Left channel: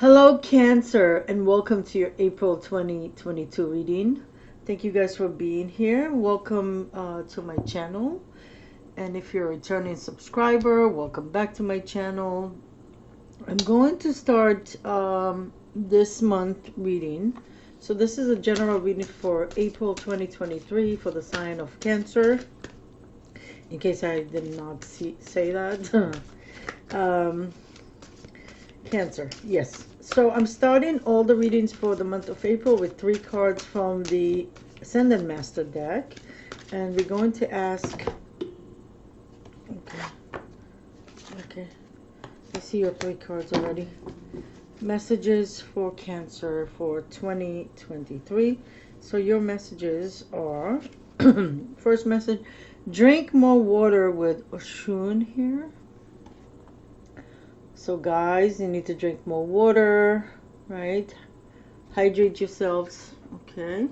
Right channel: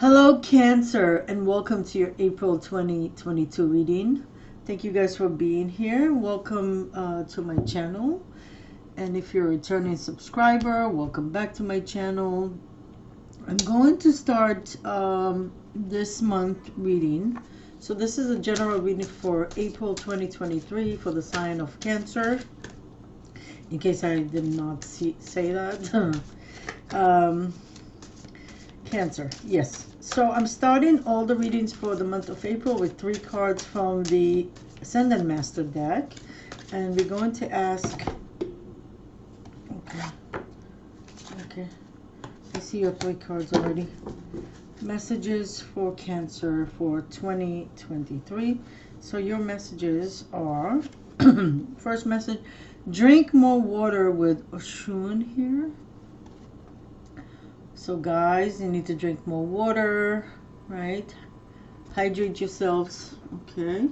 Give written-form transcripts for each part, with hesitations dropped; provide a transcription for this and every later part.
Hello, Cancer, and welcome to your April 2022 reading. Thank you guys for being here. Welcome to my channel. And if you're a returning subscriber, welcome back to my channel. I'm going to start this month reading. So this is a general reading for April 2023 for the sign of Cancer. In case I did not say that. Cancer, yes. So I'm starting all the readings for the month of April with 3 cards from the Ascendant Master deck. And we're going to ask, okay, I see your 3 cards already. Messages for Cancer for 2023. So your messages are, first message, drink more water with Oshun here. So guys, you need to drink more water, right? Hydrate yourselves, okay?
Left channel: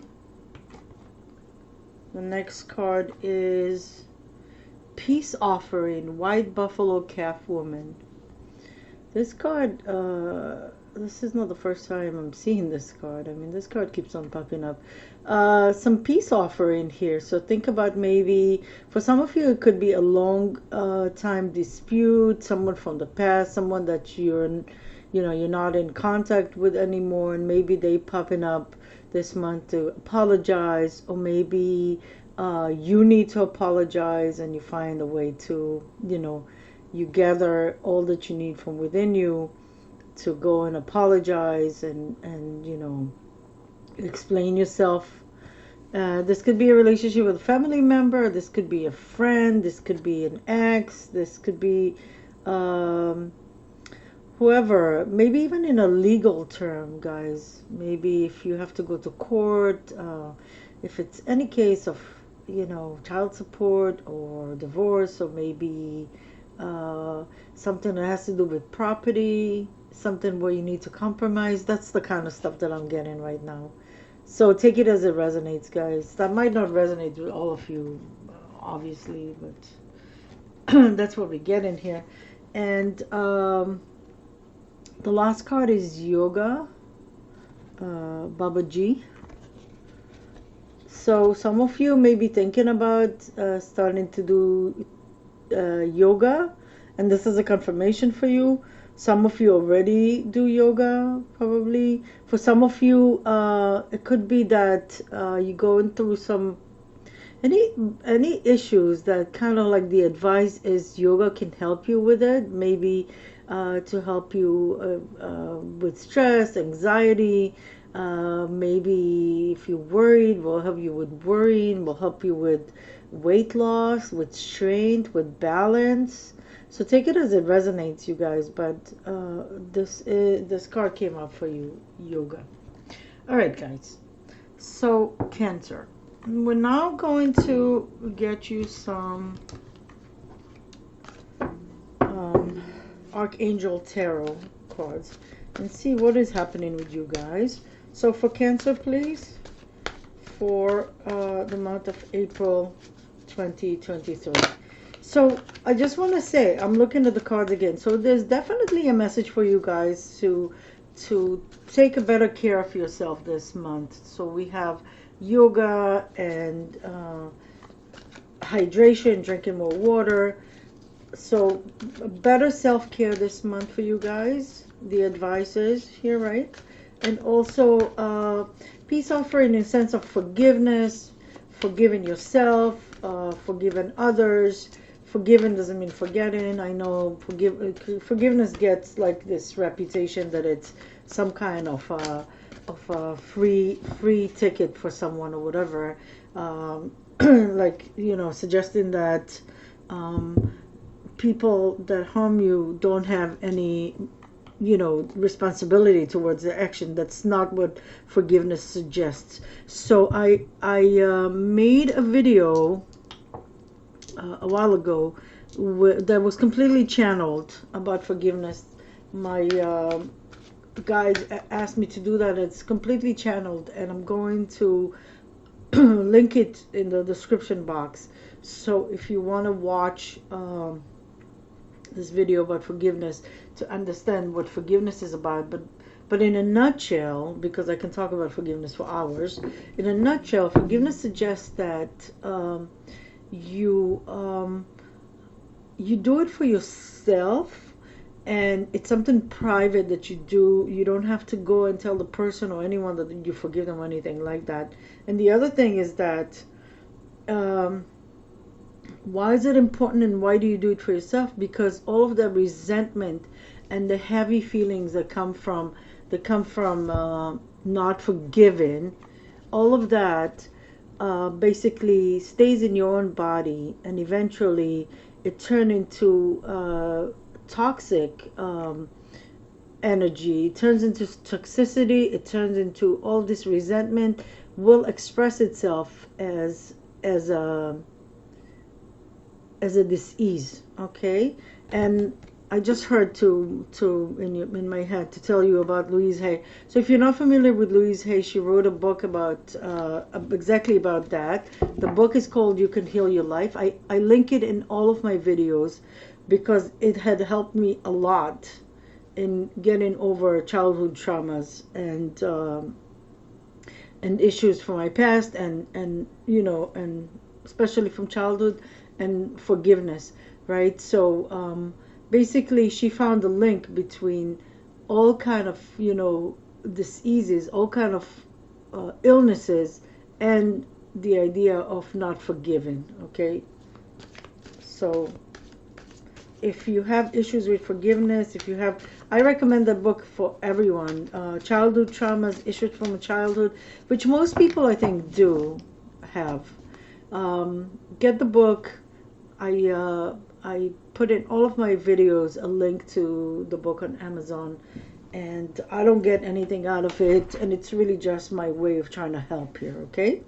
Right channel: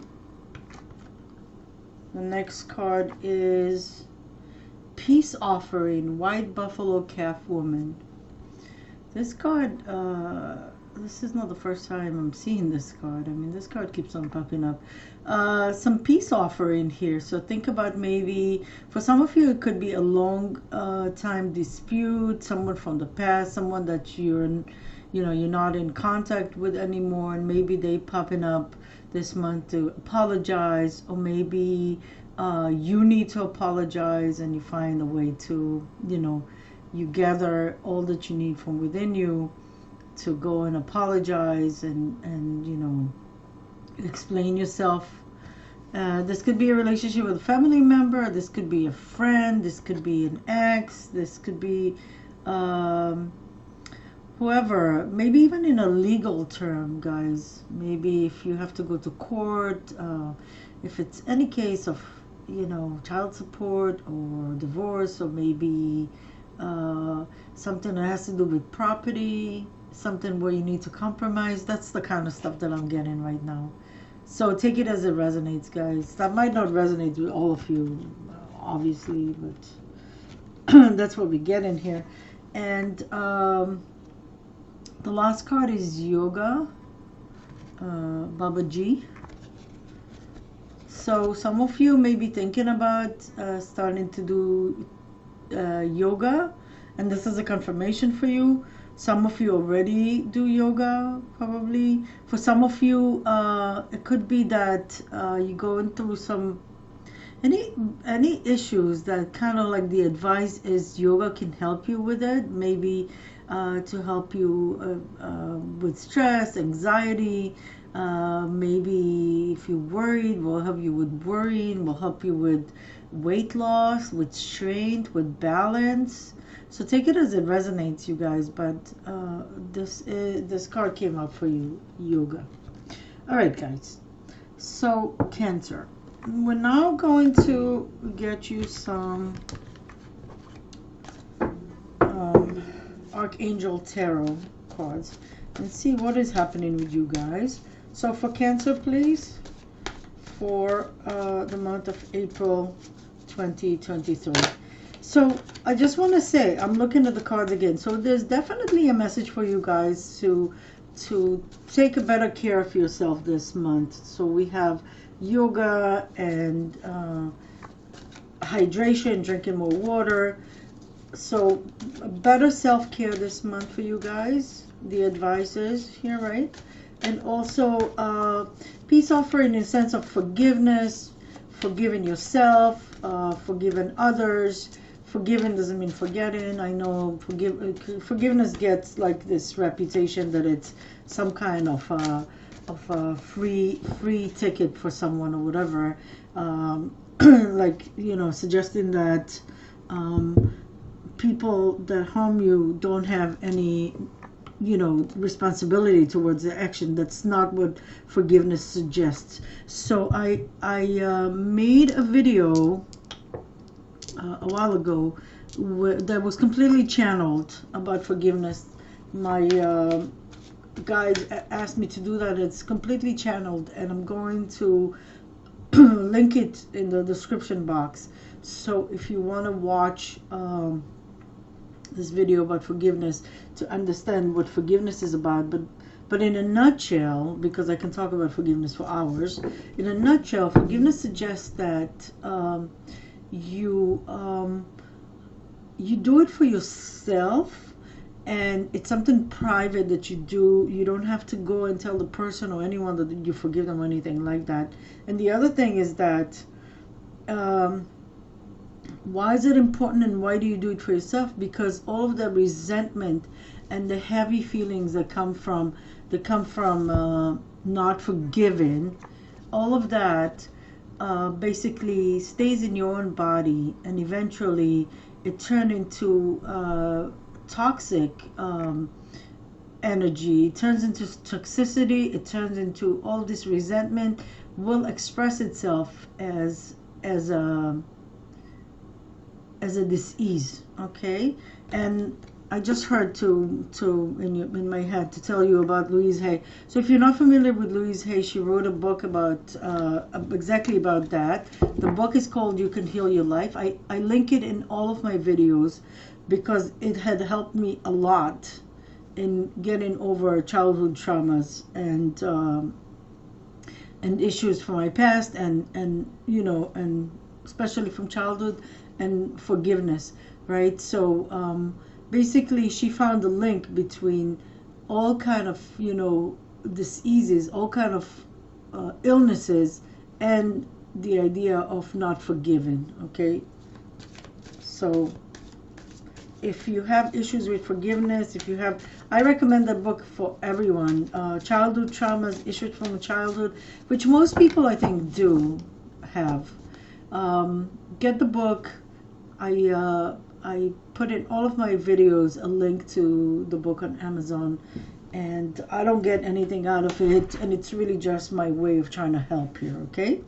The next card is Peace Offering, White Buffalo Calf Woman. This card, this is not the first time I'm seeing this card. I mean, this card keeps on popping up. Some peace offering here. So think about, maybe for some of you it could be a long time dispute, someone from the past, someone that you're not in contact with anymore, and maybe they popping up this month to apologize, or maybe you need to apologize and you find a way to, you gather all that you need from within you to go and apologize and explain yourself. This could be a relationship with a family member, this could be a friend, this could be an ex, this could be whoever, maybe even in a legal term, guys. Maybe if you have to go to court, if it's any case of child support or divorce, or maybe something that has to do with property, something where you need to compromise. That's the kind of stuff that I'm getting right now. So take it as it resonates, guys. That might not resonate with all of you, obviously, but that's what we get in here. And the last card is Yoga, Baba G. So some of you may be thinking about starting to do yoga, and this is a confirmation for you. Some of you already do yoga, probably. For some of you, it could be that you're going through some any issues that kind of like the advice is yoga can help you with it. Maybe to help you with stress, anxiety. Maybe if you're worried, will help you with worrying, will help you with weight loss, with strength, with balance. So take it as it resonates, you guys. But this card came up for you, yoga. All right, guys. So Cancer, we're now going to get you some Archangel Tarot cards and see what is happening with you guys. So for Cancer, please, for the month of April 2023. So I just want to say, I'm looking at the cards again. So there's definitely a message for you guys to take a better care of yourself this month. So we have yoga and hydration, drinking more water. So better self-care this month for you guys. The advice is here, right? And also peace offering in the sense of forgiveness, forgiving yourself, forgiving others. Forgiving doesn't mean forgetting. I know forgiveness gets like this reputation that it's some kind of a free ticket for someone or whatever. Like suggesting that people that harm you don't have any responsibility towards the action. That's not what forgiveness suggests. So I made a video a while ago that was completely channeled about forgiveness. My guide asked me to do that. It's completely channeled, and I'm going to link it in the description box. So if you want to watch this video about forgiveness to understand what forgiveness is about, but But in a nutshell, because I can talk about forgiveness for hours, in a nutshell, forgiveness suggests that you you do it for yourself, and it's something private that you do. You don't have to go and tell the person or anyone that you forgive them or anything like that. And the other thing is that um, why is it important and why do you do it for yourself? Because all of the resentment and the heavy feelings that come from not forgiving, all of that basically stays in your own body, and eventually it turns into toxic energy. It turns into toxicity. It turns into all this resentment will express itself as a as a disease. Okay. And I just heard in my head to tell you about Louise Hay. So if you're not familiar with Louise Hay, she wrote a book about exactly about that. The book is called You Can Heal Your Life. I link it in all of my videos because it had helped me a lot in getting over childhood traumas and issues from my past, and you know, and especially from childhood, and forgiveness, right? So basically she found a link between all kind of, you know, diseases, all kind of illnesses, and the idea of not forgiving. Okay, so if you have issues with forgiveness, if you have, I recommend the book for everyone. Childhood traumas, issues from childhood, which most people I think do have. Get the book. I put in all of my videos a link to the book on Amazon, and I don't get anything out of it, and it's really just my way of trying to help here. Okay,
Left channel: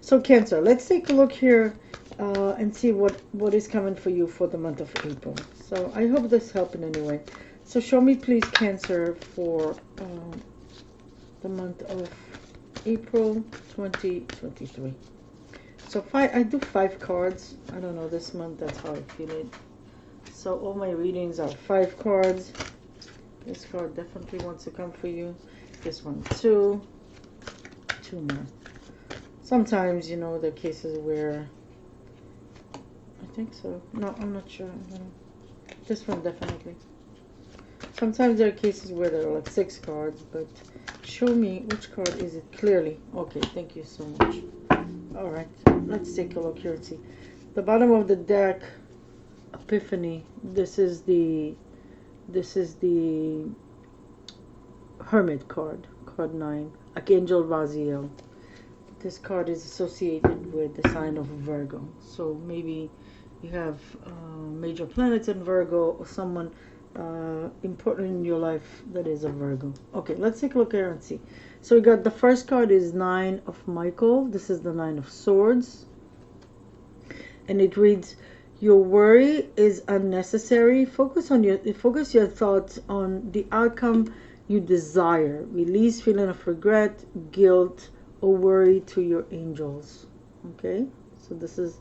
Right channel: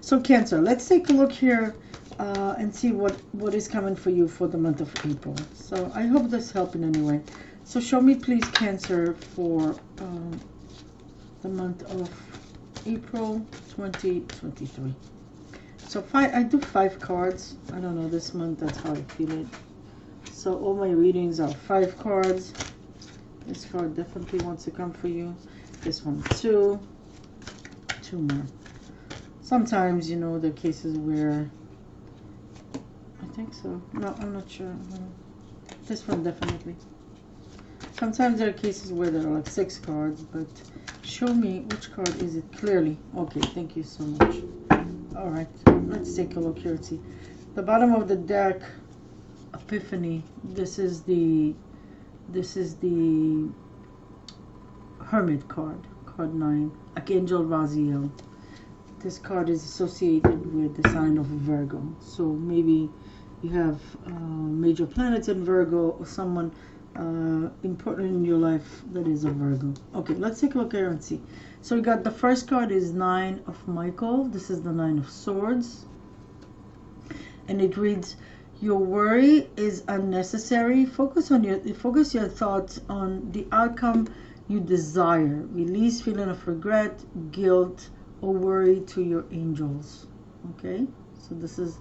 so Cancer, let's take a look here and see what is coming for you for the month of April. So I hope this helped in any way. So show me please, Cancer, for the month of April 2023. So I do 5 cards. I don't know, this month that's how I feel it. So all my readings are 5 cards. This card definitely wants to come for you. This one 2 more. Sometimes, you know, there are cases where I think so. No, I'm not sure. This one definitely. Sometimes there are cases where there are like 6 cards, but show me which card is it clearly. Okay, thank you so much. All right, let's take a look here and see. The bottom of the deck, Epiphany. This is the Hermit card, card 9, Archangel Raziel. This card is associated with the sign of Virgo. So maybe you have major planets in Virgo, or someone important in your life that is a Virgo. Okay, let's take a look here and see. So we got the first card is 9 of Michael. This is the 9 of Swords. And it reads, your worry is unnecessary. Focus your thoughts on the outcome you desire. Release feeling of regret, guilt, or worry to your angels. Okay, so this is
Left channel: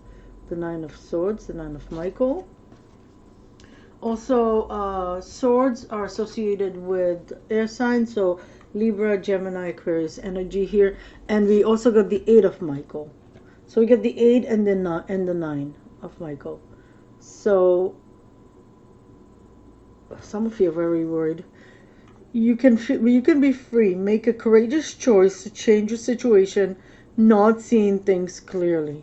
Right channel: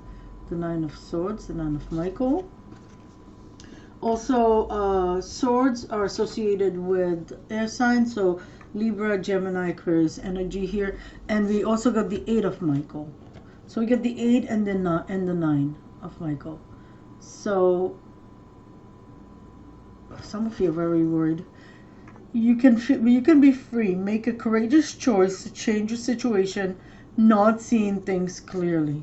the 9 of Swords, the 9 of Michael. Also, swords are associated with air signs, so Libra, Gemini, Aquarius energy here. And we also got the 8 of Michael. So we get the 8 and the 9 of Michael. So some of you are very worried. You can be free. Make a courageous choice to change your situation, not seeing things clearly.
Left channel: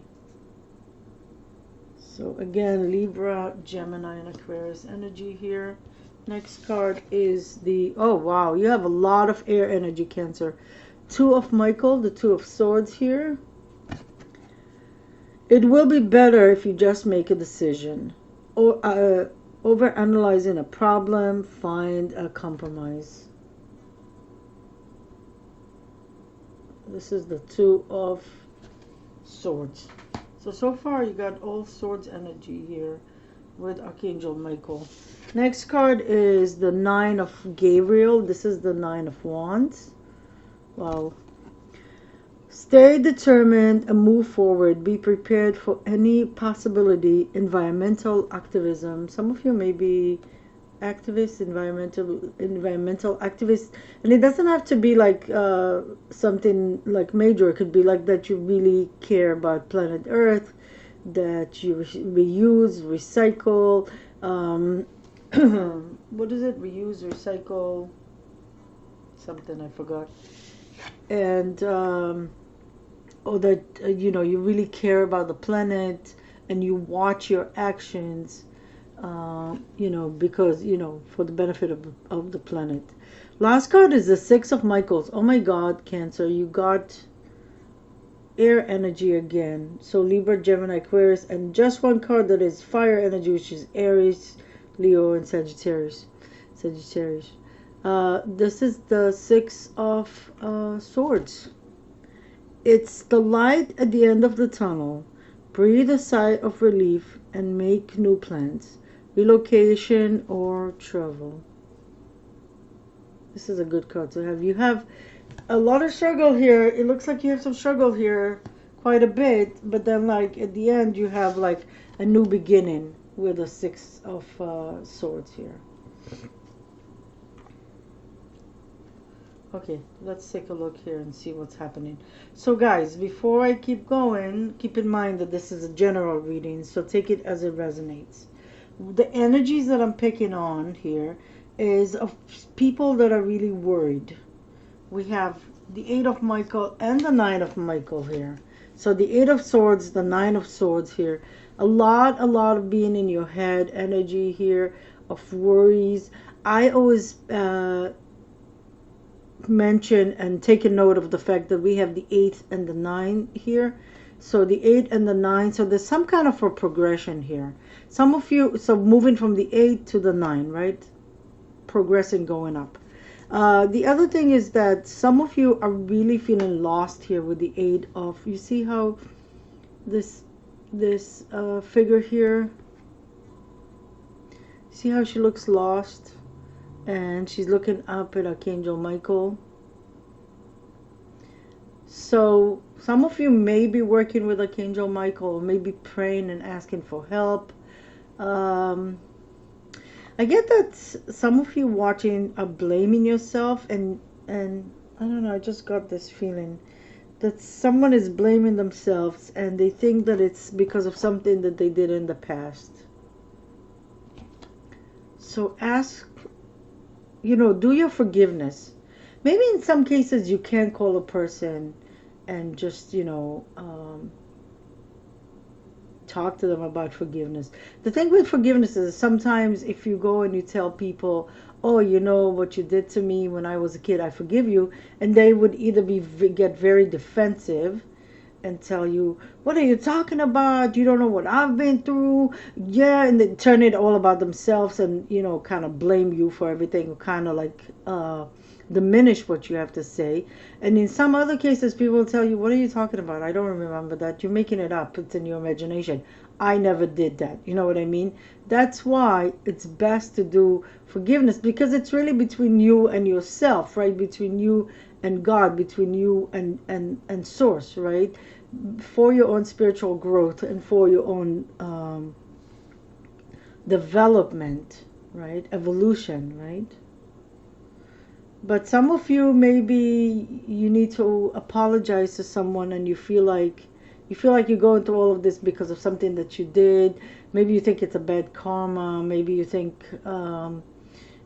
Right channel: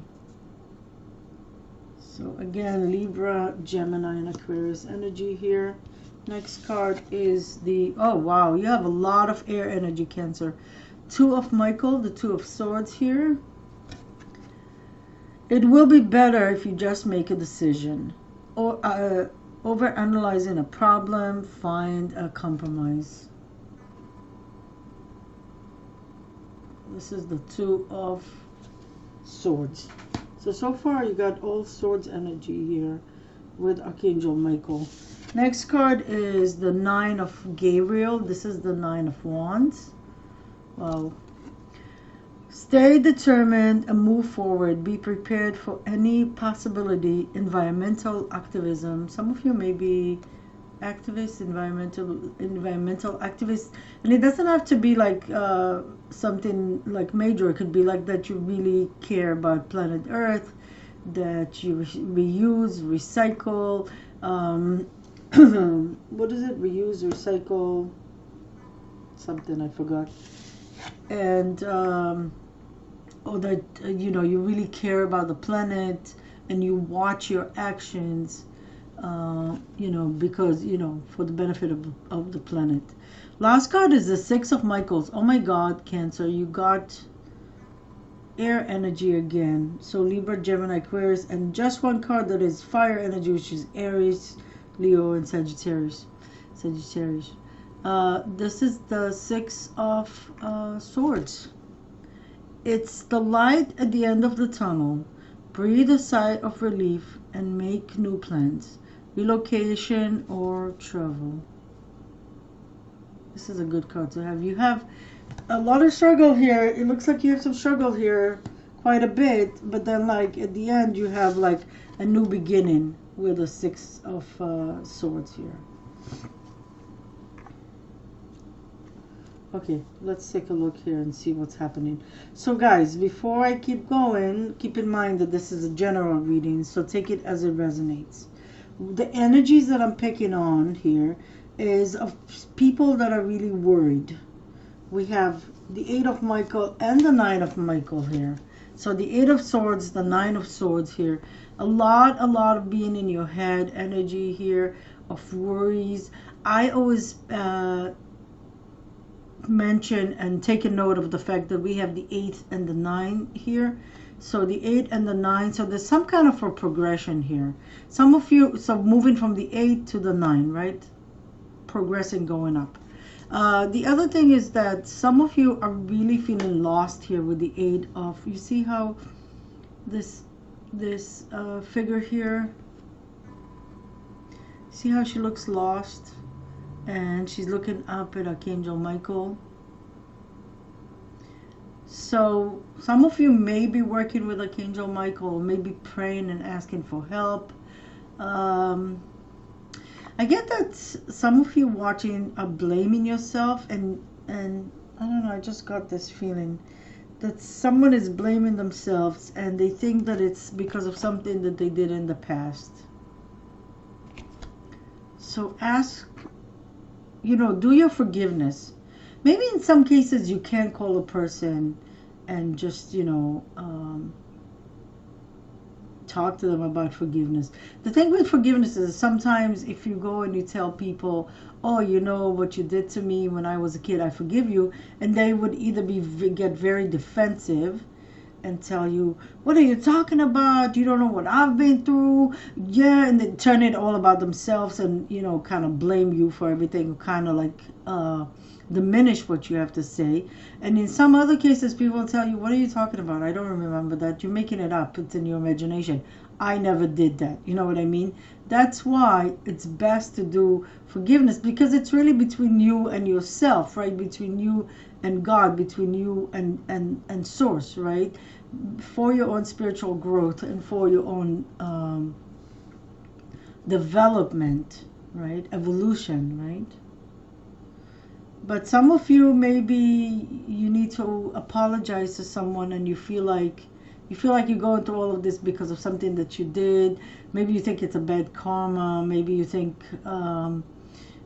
So again, Libra, Gemini, and Aquarius energy here. Next card is the, oh wow, you have a lot of air energy, Cancer. 2 of Michael, the 2 of Swords here. It will be better if you just make a decision. Or over analyzing a problem, find a compromise. This is the 2 of Swords. So far you got all Swords energy here with Archangel Michael. Next card is the 9 of Gabriel. This is the 9 of Wands. Wow. Stay determined and move forward. Be prepared for any possibility. Environmental activism. Some of you may be activist, environmental activist, and it doesn't have to be like something like major. It could be like that you really care about planet Earth, that you reuse, recycle. Um, what is it? Reuse, recycle, something I forgot. And or that you really care about the planet, and you watch your actions, because for the benefit of the planet. Last card is the Six of Michaels. Oh my God, Cancer, you got air energy again. So Libra, Gemini, Aquarius, and just one card that is fire energy, which is Aries, Leo, and Sagittarius. This is the Six of Swords. It's the light at the end of the tunnel. Breathe a sigh of relief and make new plans, relocation or travel. This is a good card to have. You have a lot of struggle here. It looks like you have some struggle here, quite a bit, but then like at the end you have like a new beginning with a Six of Swords here. Okay, let's take a look here and see what's happening. So guys, before I keep going, keep in mind that this is a general reading, so take it as it resonates. The energies that I'm picking on here is of people that are really worried. We have the Eight of Michael and the Nine of Michael here. So the Eight of Swords, the Nine of Swords here. A lot of being in your head energy here, of worries. I always mention and take a note of the fact that we have the 8 and the 9 here. So the 8 and the 9, so there's some kind of a progression here. Some of you, so moving from the 8 to the 9, right? Progressing, going up. The other thing is that some of you are really feeling lost here with the 8 of, you see how this figure here, see how she looks lost? And she's looking up at Archangel Michael. So some of you may be working with Archangel Michael, or maybe praying and asking for help. I get that some of you watching are blaming yourself, and I don't know, I just got this feeling that someone is blaming themselves, and they think that it's because of something that they did in the past. So ask, do your forgiveness. Maybe in some cases you can call a person and just, talk to them about forgiveness. The thing with forgiveness is sometimes if you go and you tell people, oh, what you did to me when I was a kid, I forgive you, and they would either get very defensive and tell you, what are you talking about? You don't know what I've been through. Yeah, and they turn it all about themselves and, kind of blame you for everything, or kind of like diminish what you have to say. And in some other cases, people will tell you, what are you talking about? I don't remember that. You're making it up. It's in your imagination. I never did that. You know what I mean? That's why it's best to do forgiveness, because it's really between you and yourself, right? Between you and God, between you and Source, right? For your own spiritual growth and for your own development, right? Evolution, right? But some of you, maybe you need to apologize to someone, and you feel like you're going through all of this because of something that you did. Maybe you think it's a bad karma. Maybe you think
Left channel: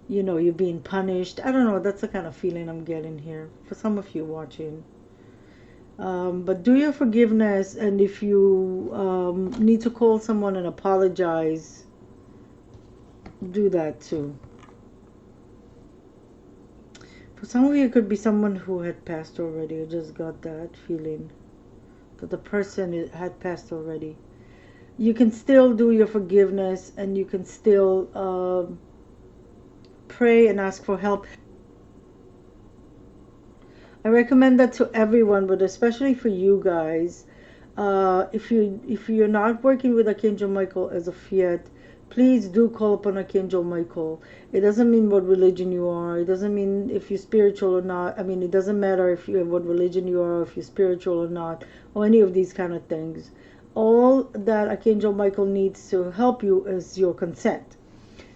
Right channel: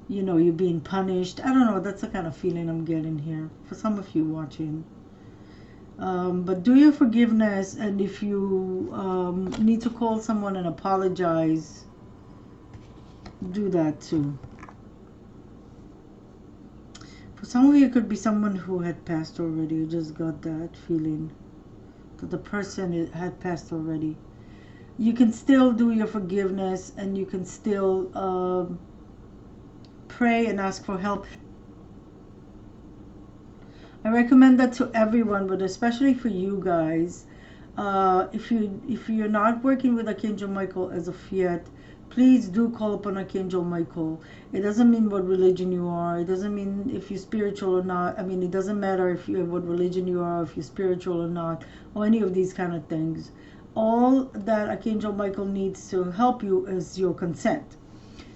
you're being punished. I don't know. That's the kind of feeling I'm getting here for some of you watching. But do your forgiveness, and if you need to call someone and apologize, do that too. For some of you, it could be someone who had passed already. You just got that feeling that the person had passed already. You can still do your forgiveness, and you can still pray and ask for help. I recommend that to everyone, but especially for you guys. If you're not working with Archangel Michael as of yet, please do call upon Archangel Michael. It doesn't mean what religion you are. It doesn't mean if you're spiritual or not. I mean, it doesn't matter if you what religion you are, if you're spiritual or not, or any of these kind of things. All that Archangel Michael needs to help you is your consent.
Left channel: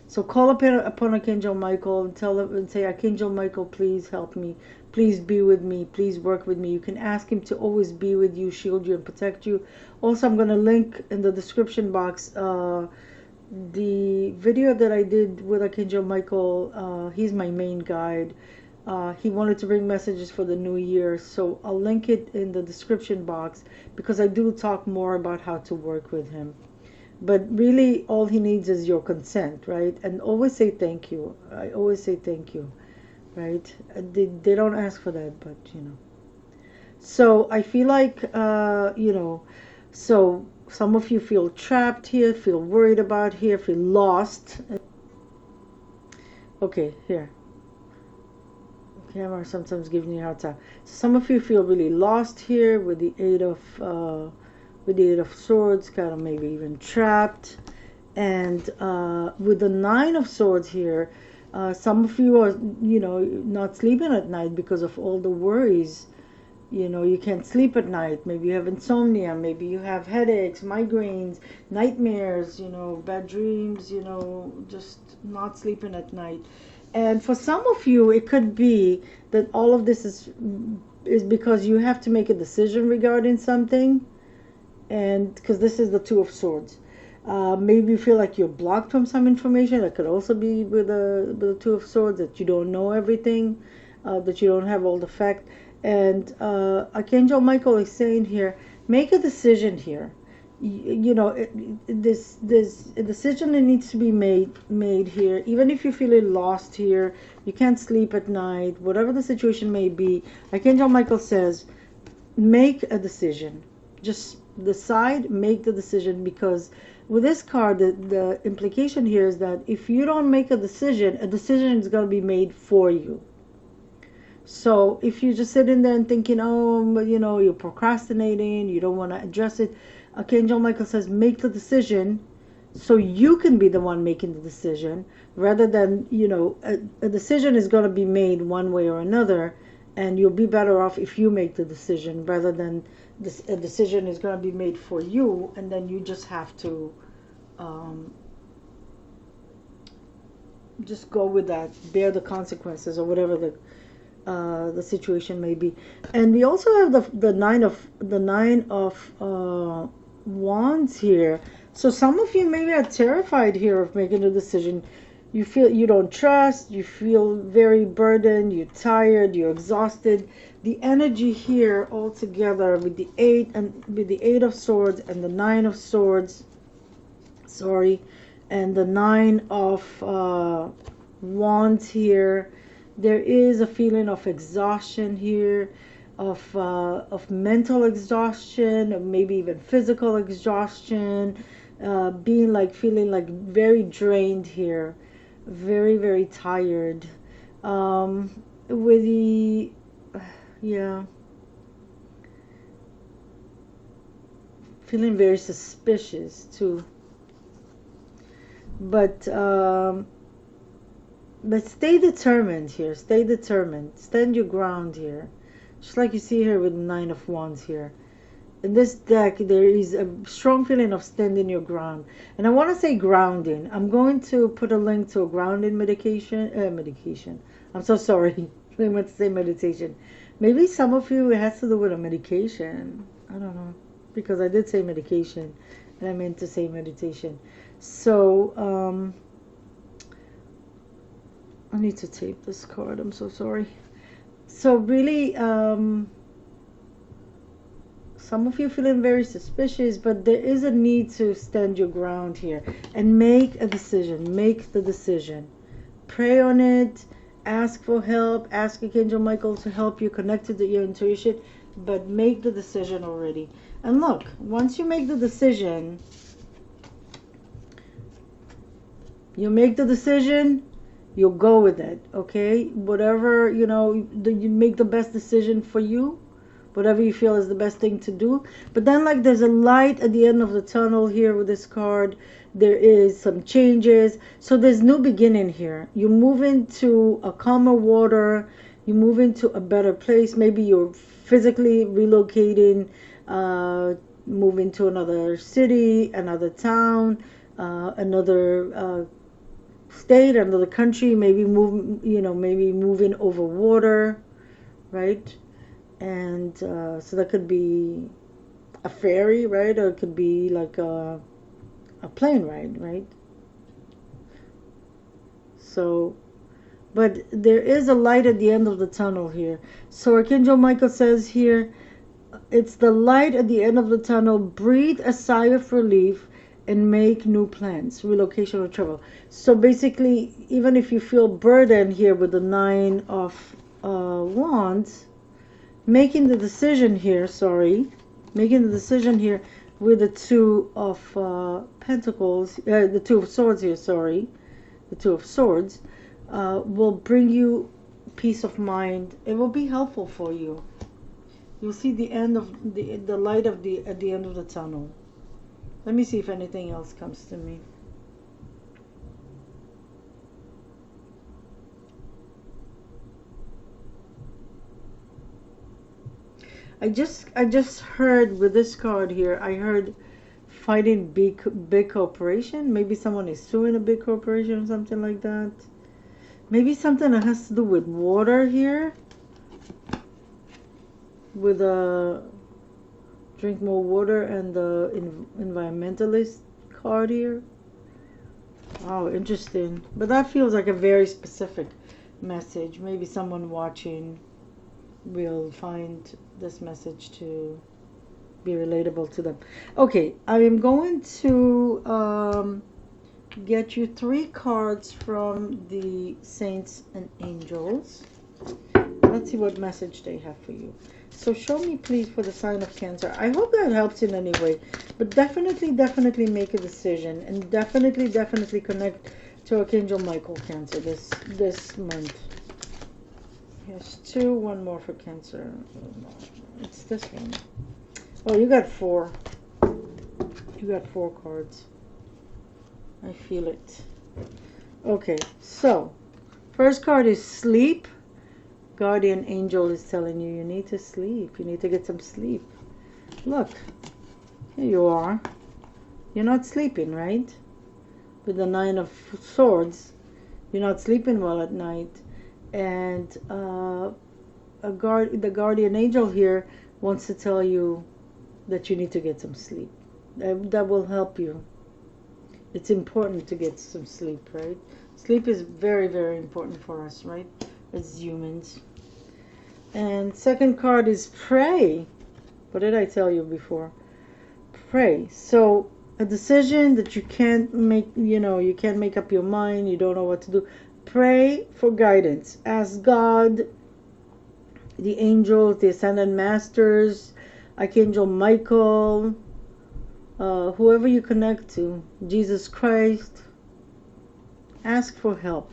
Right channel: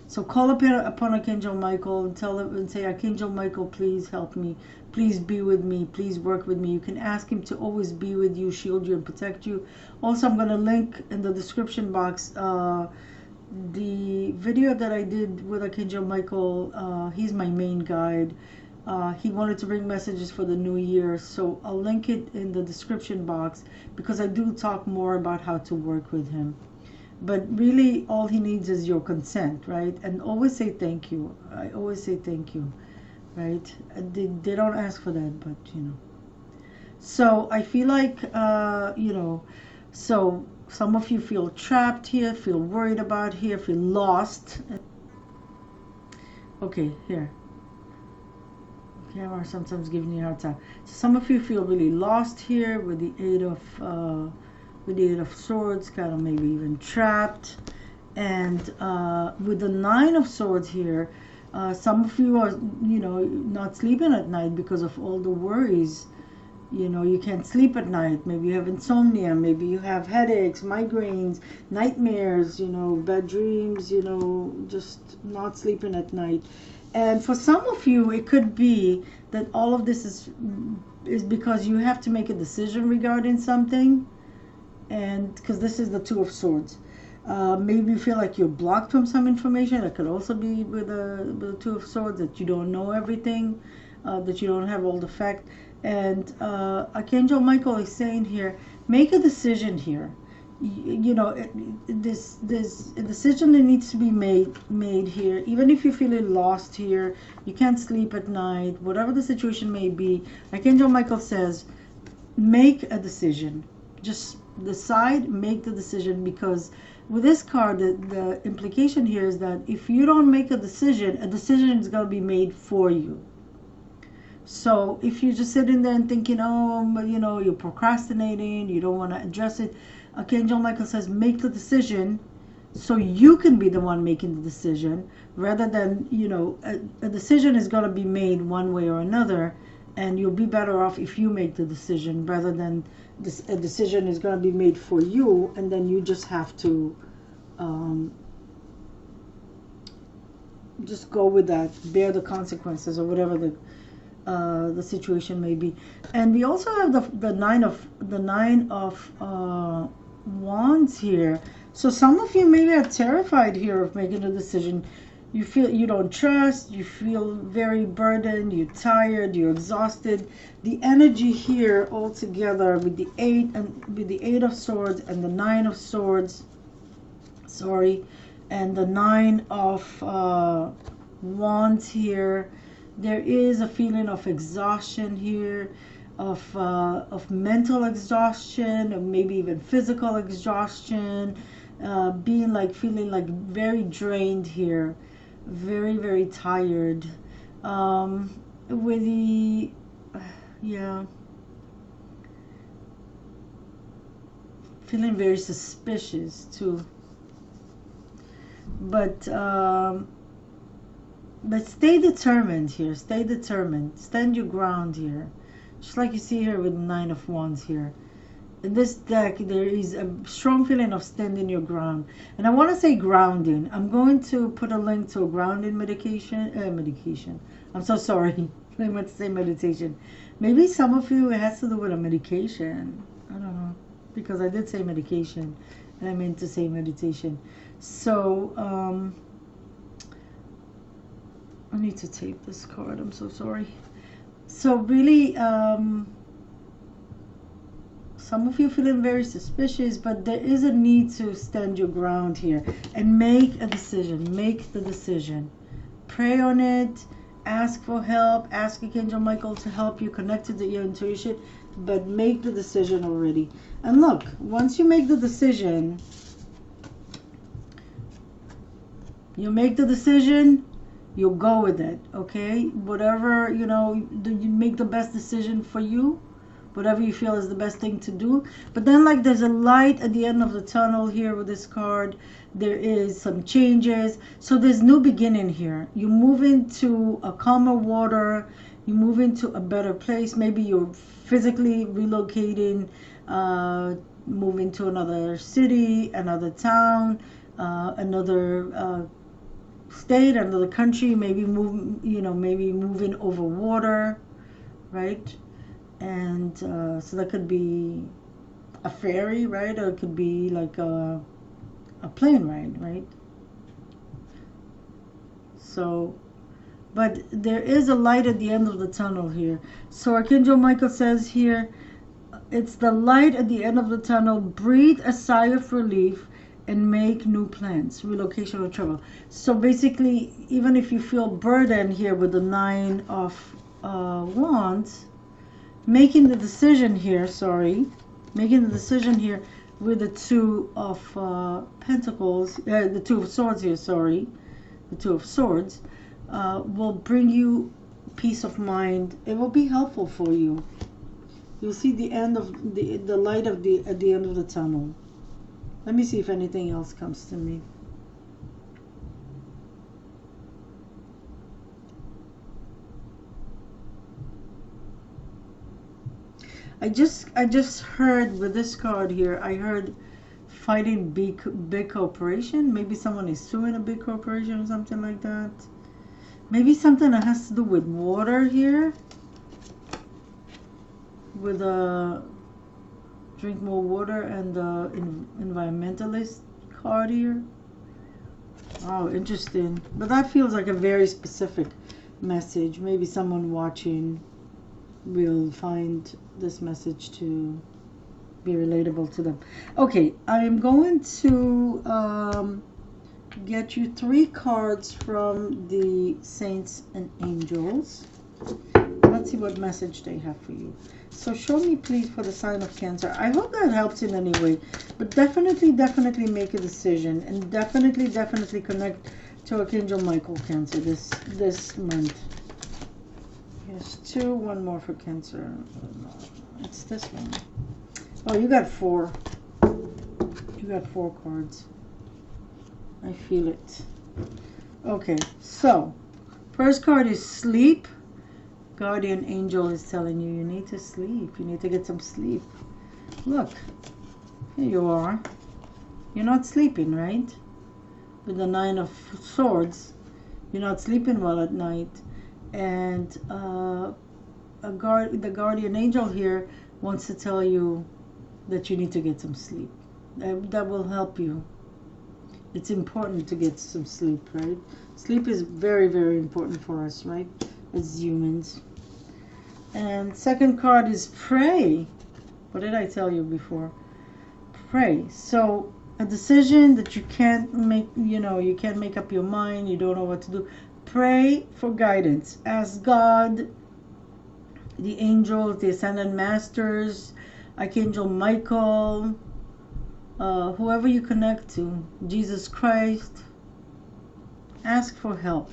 So call upon Archangel Michael and tell him and say, Archangel Michael, please help me. Please be with me. Please work with me. You can ask him to always be with you, shield you, and protect you. Also, I'm going to link in the description box the video that I did with Archangel Michael. He's my main guide. He wanted to bring messages for the new year, so I'll link it in the description box because I do talk more about how to work with him. But really, all he needs is your consent, right? And always say thank you. I always say thank you, right? They don't ask for that, but you know. So I feel like, you know, so some of you feel trapped here, feel worried about here, feel lost. Okay, here. Camera sometimes giving you a hard time. Some of you feel really lost here with the Eight of Swords, kind of maybe even trapped. And with the Nine of Swords here, some of you are, you know, not sleeping at night because of all the worries. You know, you can't sleep at night. Maybe you have insomnia. Maybe you have headaches, migraines, nightmares, you know, bad dreams, you know, just not sleeping at night. And for some of you, it could be that all of this is because you have to make a decision regarding something. And because this is the Two of Swords. Maybe you feel like you're blocked from some information. That could also be with the Two of Swords, that you don't know everything, that you don't have all the facts. And Archangel Michael is saying here, make a decision here. You know, this a decision that needs to be made here. Even if you're feeling lost here, you can't sleep at night, whatever the situation may be, Archangel Michael says, make a decision. Just decide, make the decision, because with this card, the implication here is that if you don't make a decision is going to be made for you. So if you're just sitting there and thinking, oh, you know, you're procrastinating, you don't want to address it, Archangel Michael says, make the decision so you can be the one making the decision, rather than, you know, a decision is going to be made one way or another, and you'll be better off if you make the decision rather than a decision is going to be made for you, and then you just have to just go with that, bear the consequences, or whatever the situation may be. And we also have the nine of wands here. So some of you maybe are terrified here of making a decision. You feel you don't trust, you feel very burdened, you're tired, you're exhausted. The energy here all together with the Eight of Swords and the Nine of Swords, sorry, and the Nine of Wands here, there is a feeling of exhaustion here, of mental exhaustion, or maybe even physical exhaustion, feeling like very drained here, very, very tired. With the, yeah, feeling very suspicious too. But stay determined here. Stay determined. Stand your ground here. Just like you see here with the Nine of Wands here. In this deck, there is a strong feeling of standing your ground. And I want to say grounding. I'm going to put a link to a grounding medication. I'm so sorry. I meant to say meditation. Maybe some of you, it has to do with a medication. I don't know. Because I did say medication. And I meant to say meditation. So, I need to tape this card. I'm so sorry. So really, some of you feeling very suspicious, but there is a need to stand your ground here and make a decision. Make the decision. Pray on it. Ask for help. Ask Archangel Michael to help you connect to your intuition, but make the decision already. And look, once you make the decision, you'll go with it, okay? Whatever, you know, you make the best decision for you, whatever you feel is the best thing to do. But then, like, there's a light at the end of the tunnel here with this card. There is some changes. So there's new beginning here. You move into a calmer water. You move into a better place. Maybe you're physically relocating, moving to another city, another town, another state, another country, maybe move, maybe moving over water, right? And so that could be a ferry, right? Or it could be like a plane ride, right? So, but there is a light at the end of the tunnel here. So Archangel Michael says here, it's the light at the end of the tunnel. Breathe a sigh of relief and make new plans, relocation or travel. So basically, even if you feel burdened here with the Nine of Wands, making the decision here, with the Two of Pentacles, the Two of Swords here, the Two of Swords, will bring you peace of mind. It will be helpful for you. You'll see the end of the light at the end of the tunnel. Let me see if anything else comes to me. I just heard with this card here, I heard fighting big corporation. Maybe someone is suing a big corporation or something like that. Maybe something that has to do with water here. With drink more water and the environmentalist card here. Wow, interesting. But that feels like a very specific message. Maybe someone watching will find this message to be relatable to them. Okay, I am going to get you 3 cards from the Saints and Angels. Let's see what message they have for you. So show me, please, for the sign of Cancer. I hope that helps in any way. But definitely make a decision. And definitely connect to Archangel Michael, Cancer, this month. There's 2, 1 more for Cancer. Oh, no. It's this one. Oh, you got 4. You got 4 cards. I feel it. Okay, so first card is sleep. Guardian angel is telling you need to sleep. You need to get some sleep. Look, here you are. You're not sleeping, right? With the 9 of Swords, you're not sleeping well at night. And the guardian angel here wants to tell you that you need to get some sleep. That will help you. It's important to get some sleep, right? Sleep is very, very important for us, right? As humans. And second card is pray. What did I tell you before? Pray. So a decision that you can't make, you can't make up your mind, you don't know what to do. Pray for guidance. Ask God, the angels, the ascended masters, Archangel Michael, whoever you connect to, Jesus Christ. Ask for help.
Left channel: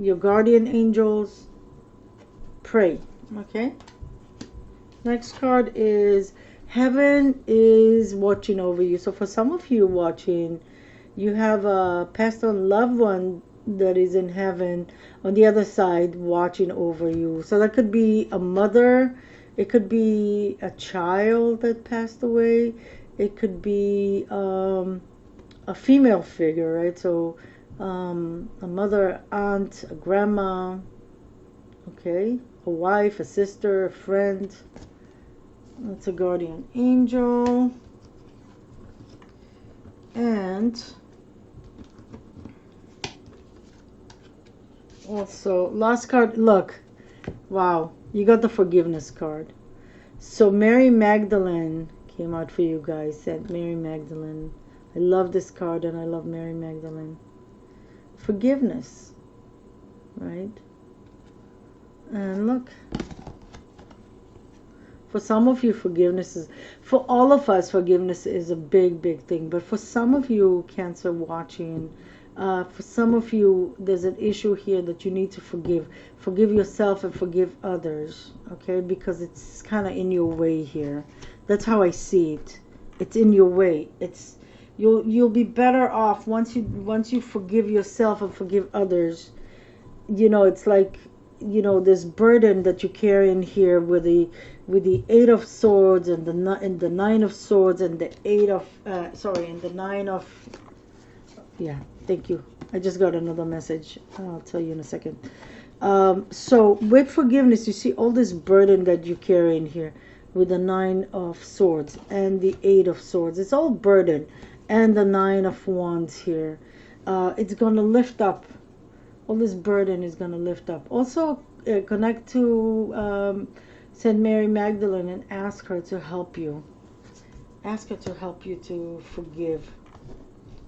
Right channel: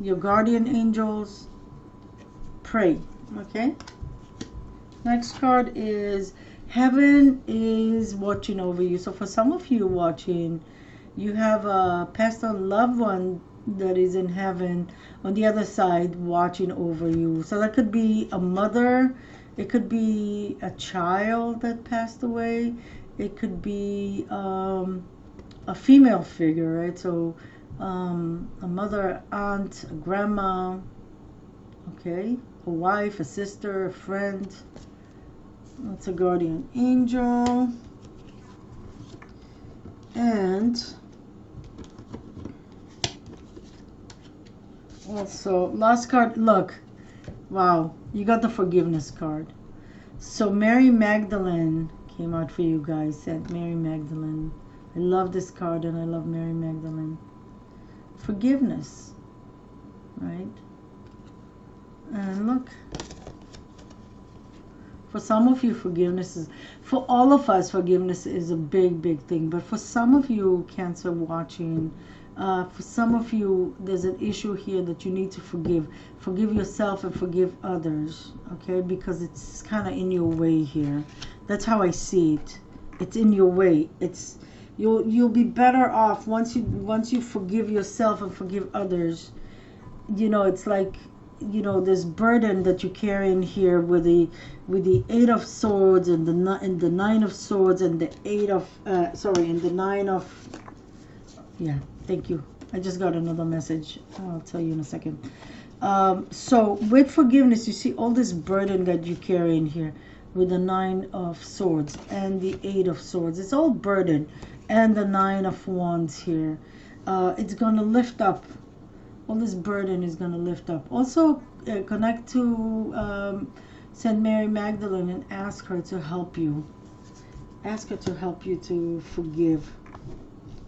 Your guardian angels. Pray. Okay. Next card is heaven is watching over you. So for some of you watching, you have a passed on loved one that is in heaven on the other side watching over you. So that could be a mother, it could be a child that passed away, it could be a female figure, right? So a mother, aunt, a grandma, okay, a wife, a sister, a friend. It's a guardian angel. And also, last card, look, wow, you got the forgiveness card. So Mary Magdalene came out for you guys, said Mary Magdalene. I love this card and I love Mary Magdalene. Forgiveness, right? And look, for some of you, forgiveness is, for all of us, forgiveness is a big, big thing. But for some of you, Cancer watching, for some of you, there's an issue here that you need to forgive. Forgive yourself and forgive others, okay? Because it's kind of in your way here. That's how I see it. It's in your way. It's you'll be better off once you forgive yourself and forgive others. It's like, this burden that you carry in here with the 8 of Swords and the 9 of Swords and the 8 of and the 9 of, yeah, thank you, I just got another message. I'll tell you in a second. So with forgiveness, you see all this burden that you carry in here with the Nine of Swords and the Eight of Swords. It's all burden. And the Nine of Wands here. It's going to lift up. All this burden is going to lift up. Also, connect to St. Mary Magdalene and ask her to help you. Ask her to help you to forgive.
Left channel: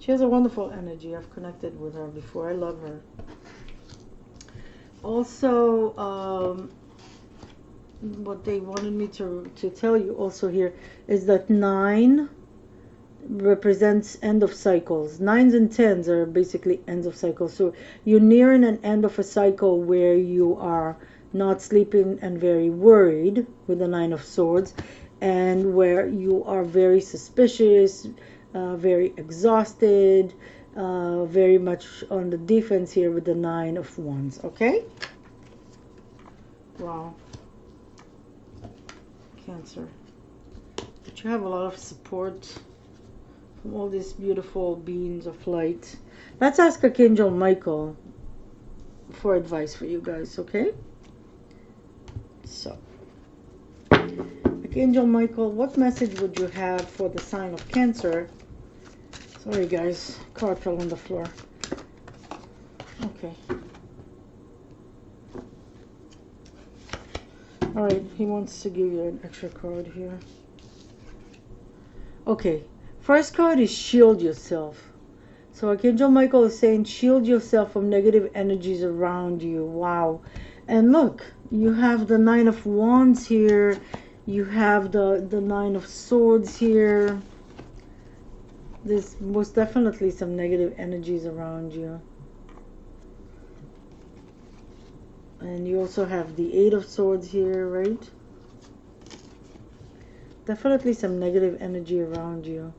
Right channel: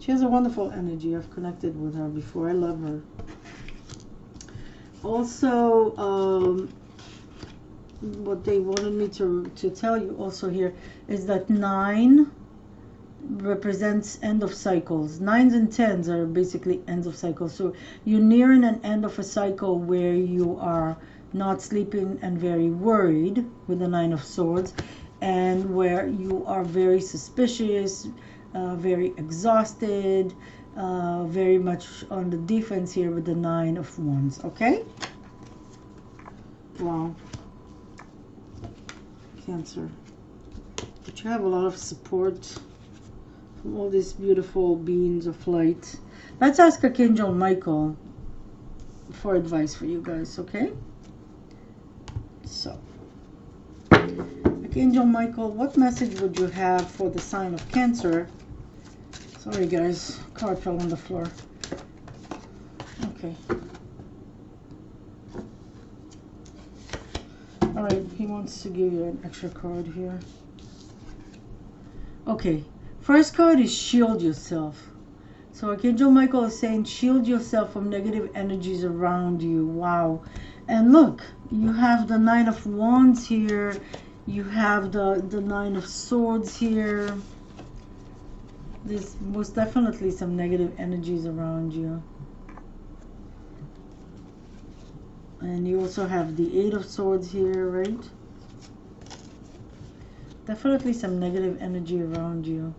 She has a wonderful energy. I've connected with her before. I love her. Also, what they wanted me to tell you also here is that 9 represents end of cycles. 9s and 10s are basically ends of cycles. So you're nearing an end of a cycle where you are not sleeping and very worried with the 9 of Swords, and where you are very suspicious, very exhausted, very much on the defense here with the 9 of Wands. Okay? Wow. Cancer. But you have a lot of support from all these beautiful beings of light. Let's ask Archangel Michael for advice for you guys, okay? So, Archangel Michael, what message would you have for the sign of Cancer? Sorry guys, card fell on the floor. Okay. Alright, he wants to give you an extra card here. Okay, first card is shield yourself. So Archangel Michael is saying shield yourself from negative energies around you. Wow. And look, you have the 9 of Wands here. You have the 9 of Swords here. There's most definitely some negative energies around you. And you also have the 8 of Swords here, right? Definitely some negative energy around you.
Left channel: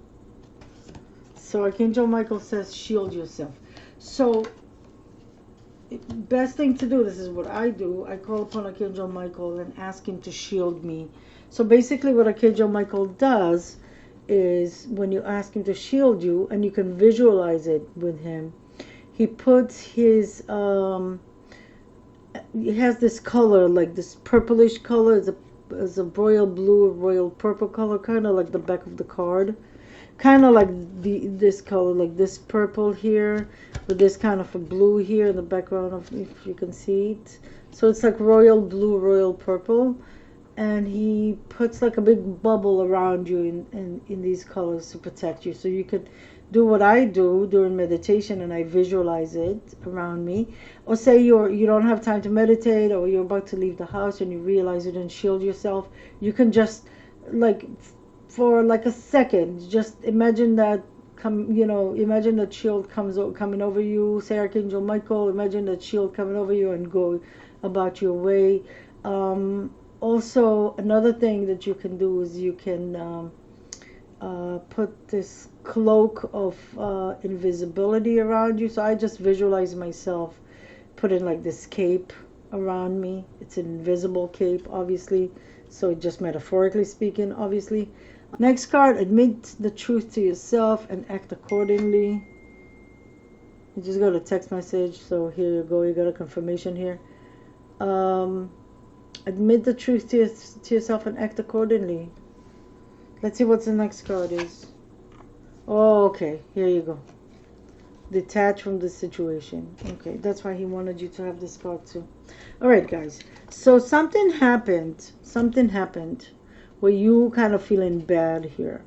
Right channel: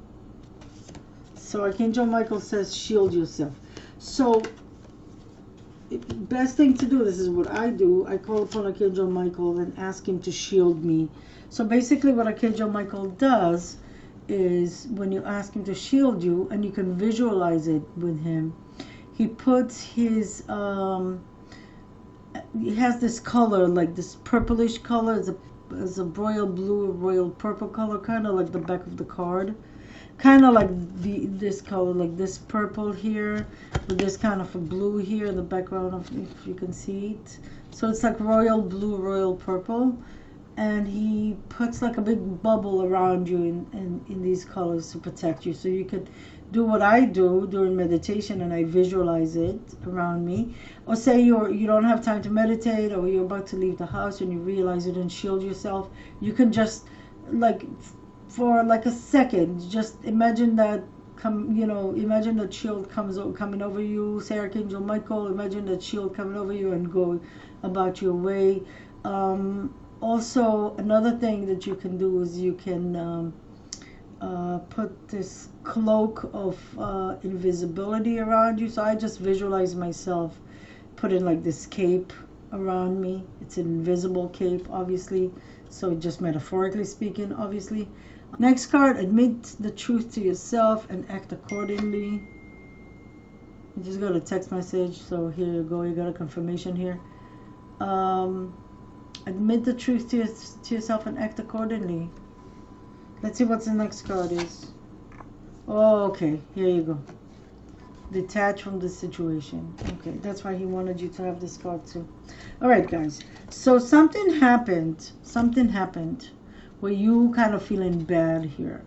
So Archangel Michael says shield yourself. So best thing to do, this is what I do, I call upon Archangel Michael and ask him to shield me. So basically what Archangel Michael does is when you ask him to shield you, and you can visualize it with him, he puts his he has this color, like this purplish color. It's a royal blue, royal purple color, kind of like the back of the card, kind of like this color, like this purple here with this kind of a blue here in the background, of, if you can see it. So it's like royal blue, royal purple, and he puts like a big bubble around you in these colors to protect you. So you could do what I do during meditation, and I visualize it around me. Or say you don't have time to meditate, or you're about to leave the house and you realize you didn't shield yourself. You can just, like, for like a second, just imagine that imagine that shield coming over you. Say Archangel Michael, imagine that shield coming over you and go about your way. Also, another thing that you can do is you can put this cloak of invisibility around you. So I just visualize myself putting like this cape around me. It's an invisible cape, obviously, so just metaphorically speaking, obviously. Next card, admit the truth to yourself and act accordingly. You just got a text message, so here you go, you got a confirmation here. Admit the truth to yourself and act accordingly. Let's see what the next card is. Oh, okay, here you go. Detach from the situation. Okay, that's why he wanted you to have this card too. All right, guys. So something happened where you kind of feeling bad here.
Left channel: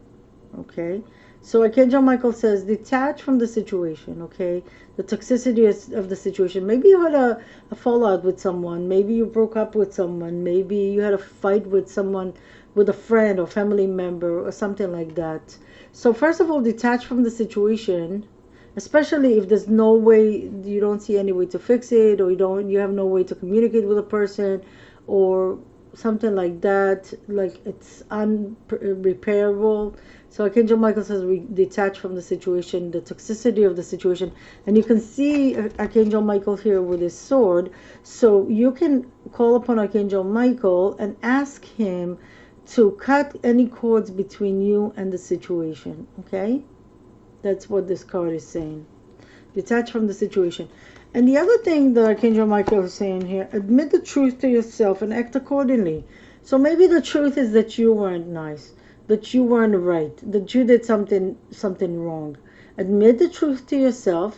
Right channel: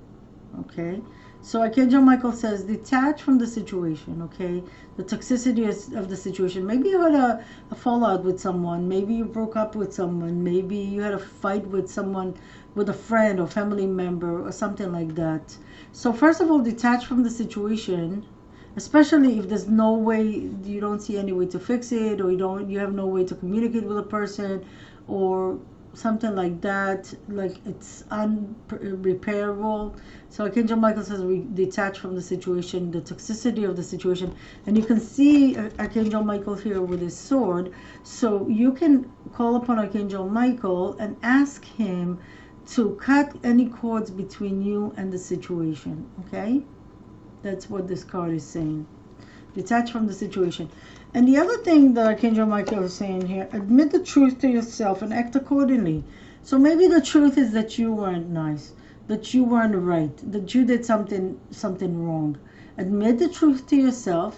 Okay. So Archangel Michael says detach from the situation. Okay. The toxicity of the situation. Maybe you had a fallout with someone. Maybe you broke up with someone. Maybe you had a fight with someone, with a friend or family member or something like that. So first of all, detach from the situation. Especially if there's no way, you don't see any way to fix it, or you have no way to communicate with a person, or something like that, like it's unrepairable. So Archangel Michael says we detach from the situation, the toxicity of the situation. And you can see Archangel Michael here with his sword. So you can call upon Archangel Michael and ask him to cut any cords between you and the situation. Okay? That's what this card is saying. Detach from the situation. And the other thing that Archangel Michael is saying here, admit the truth to yourself and act accordingly. So maybe the truth is that you weren't nice, that you weren't right, that you did something wrong. Admit the truth to yourself,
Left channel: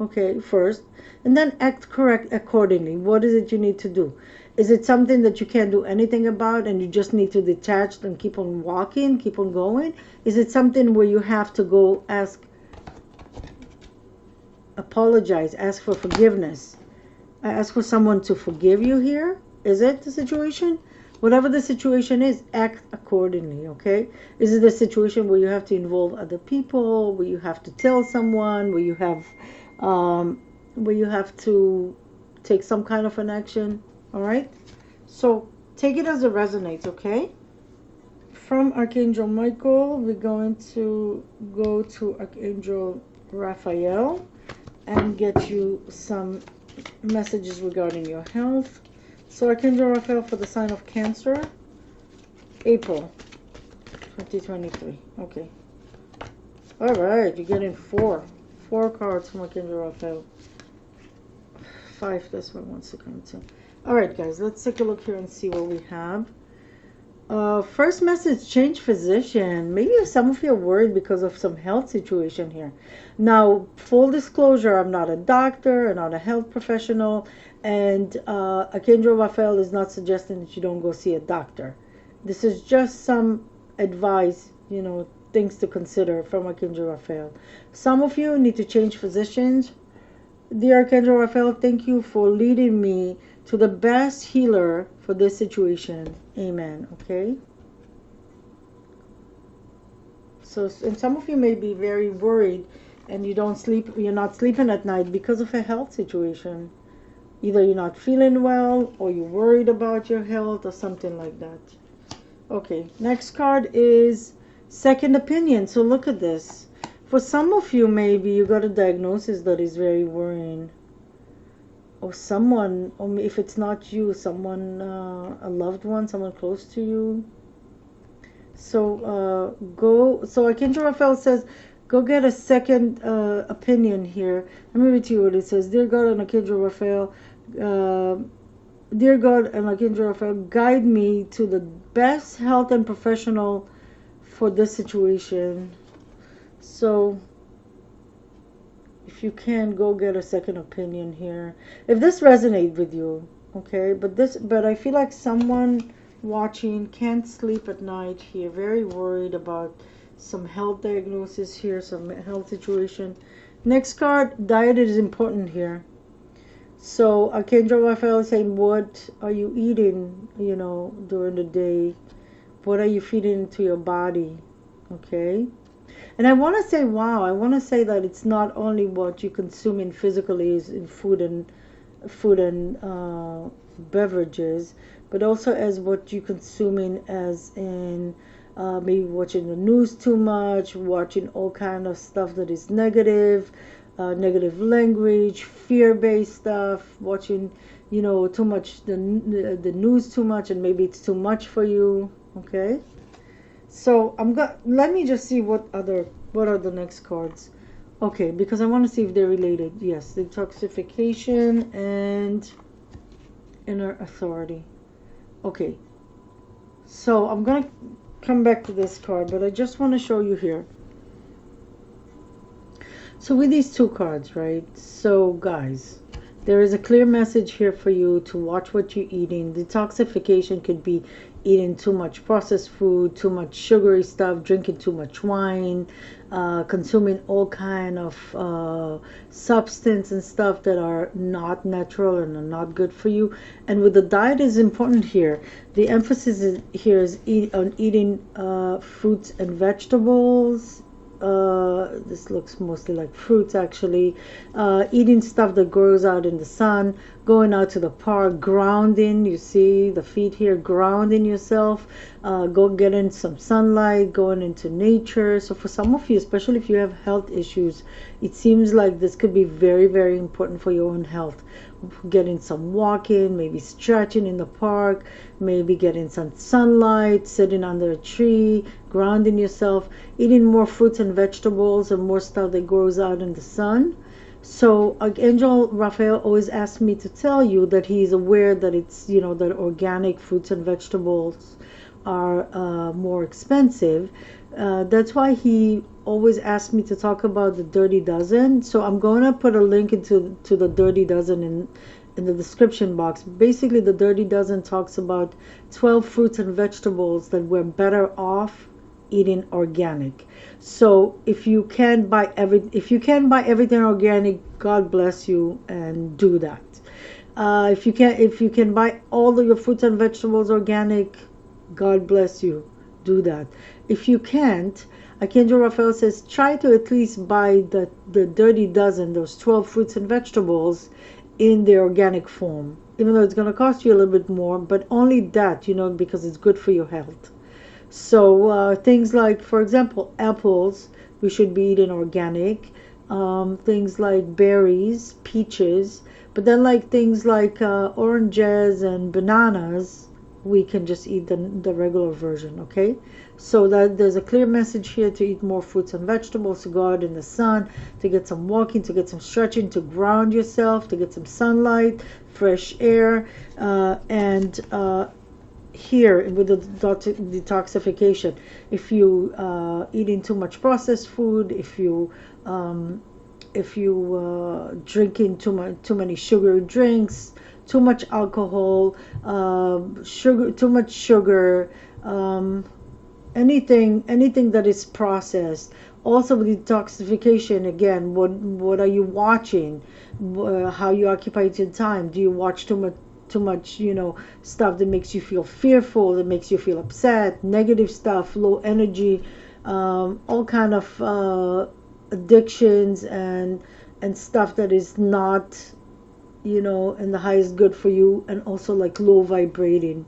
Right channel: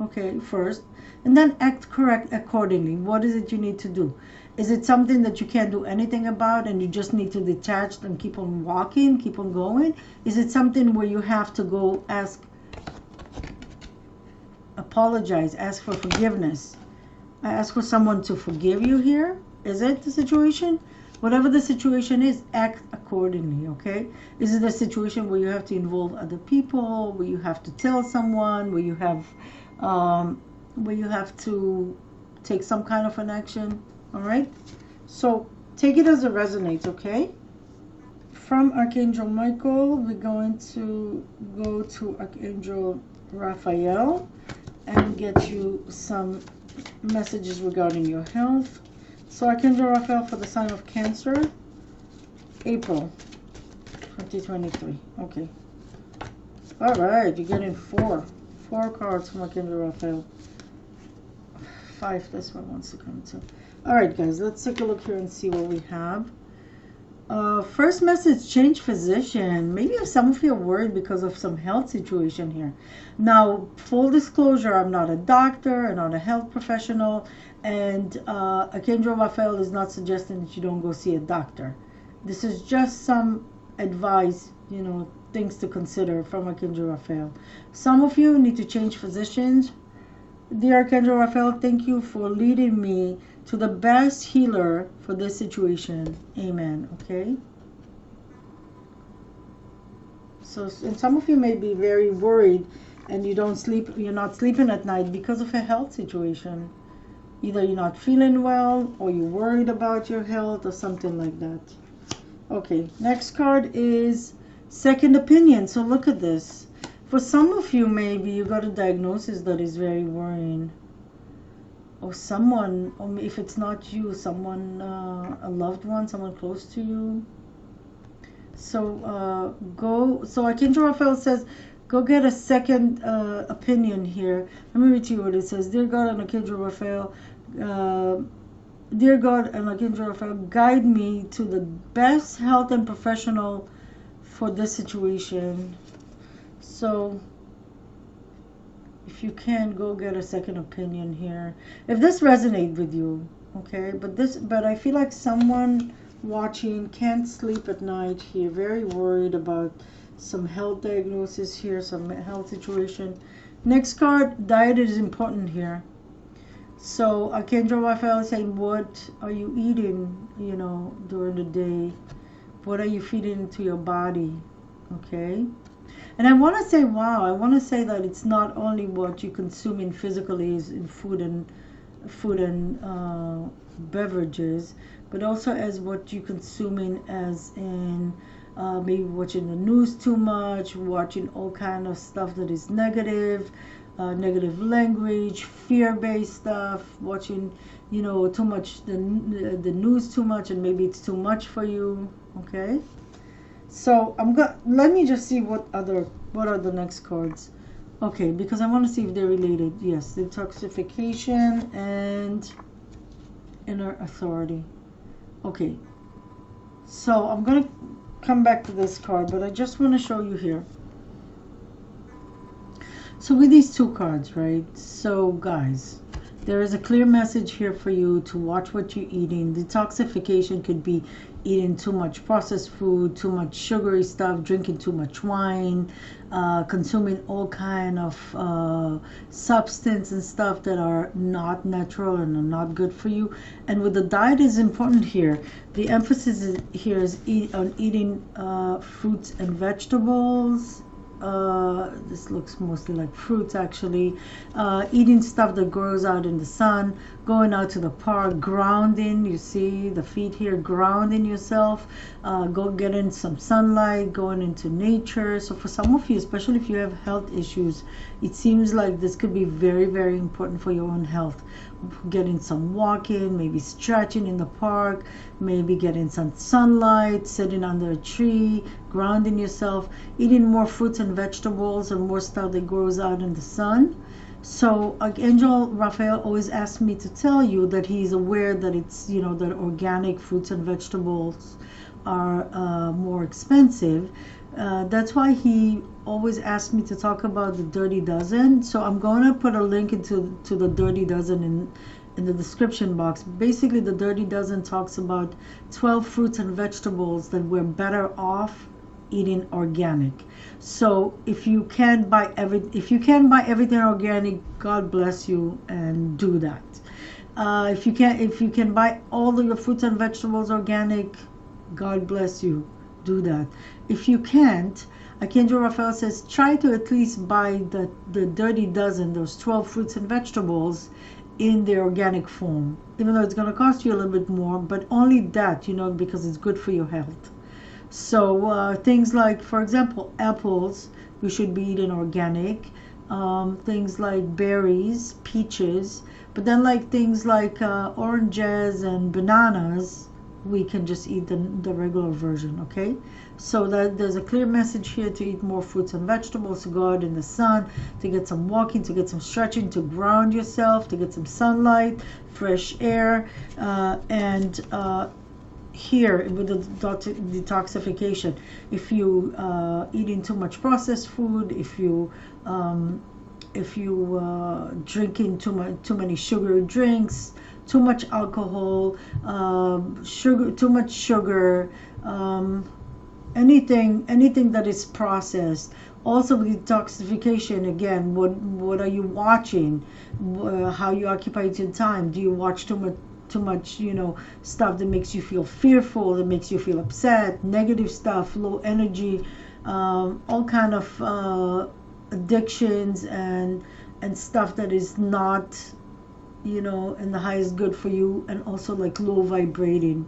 okay, first, and then act correct accordingly. What is it you need to do? Is it something that you can't do anything about and you just need to detach and keep on walking, keep on going? Is it something where you have to go apologize, ask for forgiveness, ask for someone to forgive you here? Is it the situation? Whatever the situation is, act accordingly, okay? Is it a situation where you have to involve other people, where you have to tell someone, where you have to take some kind of an action, all right? So take it as it resonates, okay? From Archangel Michael, we're going to go to Archangel Raphael and get you some messages regarding your health. So Archangel Raphael for the sign of Cancer, April 2023. Okay. All right, you're getting four cards from Archangel Raphael. 5, this one wants to come to. All right, guys, let's take a look here and see what we have. First message, change physician. Maybe some of you are worried because of some health situation here. Now, full disclosure, I'm not a doctor, I'm not a health professional, and Archangel Raphael is not suggesting that you don't go see a doctor. This is just some advice, things to consider from Archangel Raphael. Some of you need to change physicians. Dear Archangel Raphael, thank you for leading me to the best healer for this situation. Amen. Okay. So, and some of you may be very worried and you don't sleep, you're not sleeping at night because of a health situation. Either you're not feeling well or you're worried about your health or something like that. Okay, next card is second opinion. So look at this. For some of you, maybe you got a diagnosis that is very worrying. Or someone, or if it's not you, someone, a loved one, someone close to you. So so Archangel Raphael says, go get a second opinion here. Let me read to you what it says. Dear God and Archangel Raphael, dear God and Archangel Raphael, guide me to the best health and professional for this situation. So if you can, go get a second opinion here. If this resonates with you, okay, but I feel like someone watching can't sleep at night here, very worried about some health diagnosis here, some health situation. Next card, diet is important here. So Archangel Raphael is saying, what are you eating, during the day? What are you feeding into your body? Okay. And I want to say, I want to say that it's not only what you consume in physically in food and beverages, but also as what you consuming as in maybe watching the news too much, watching all kind of stuff that is negative, negative language, fear-based stuff, watching too much the news too much, and maybe it's too much for you. Okay. So let me just see what are the next cards. Okay, because I want to see if they're related. Yes, detoxification and inner authority. Okay. So I'm going to come back to this card, but I just want to show you here. So with these two cards, right? So guys, there is a clear message here for you to watch what you're eating. Detoxification could be eating too much processed food, too much sugary stuff, drinking too much wine, consuming all kind of substance and stuff that are not natural and are not good for you. And with the diet is important here. The emphasis here is on eating fruits and vegetables. This looks mostly like fruits actually. Eating stuff that grows out in the sun, going out to the park, grounding. You see the feet here, grounding yourself. Go getting some sunlight, going into nature. So for some of you, especially if you have health issues, it seems like this could be very, very important for your own health. Getting some walking, maybe stretching in the park, maybe getting some sunlight, sitting under a tree, grounding yourself, eating more fruits and vegetables and more stuff that grows out in the sun. So Archangel Raphael always asks me to tell you that he's aware that it's, you know, that organic fruits and vegetables are more expensive. That's why he always asks me to talk about the Dirty Dozen. So I'm going to put a link into to the Dirty Dozen in the description box. Basically, the Dirty Dozen talks about 12 fruits and vegetables that we're better off eating organic. So if you can buy everything organic, God bless you, and do that. If you can buy all of your fruits and vegetables organic, God bless you, do that. If you can't, Archangel Raphael says try to at least buy the Dirty Dozen, those 12 fruits and vegetables, in the organic form, even though it's going to cost you a little bit more, but only that, you know, because it's good for your health. So things like, for example, apples, we should be eating organic. Things like berries, peaches, but then like things like oranges and bananas, we can just eat the regular version, okay? So that there's a clear message here to eat more fruits and vegetables, to go out in the sun, to get some walking, to get some stretching, to ground yourself, to get some sunlight, fresh air, and here with the detoxification, if you eating too much processed food, if you drinking too many sugary drinks, too much alcohol, too much sugar, um, anything that is processed. Also with detoxification, again, what are you watching? How you occupy your time? Do you watch too much, you know, stuff that makes you feel fearful, that makes you feel upset, negative stuff, low energy, all kind of addictions and stuff that is not, you know, in the highest good for you, and also like low vibrating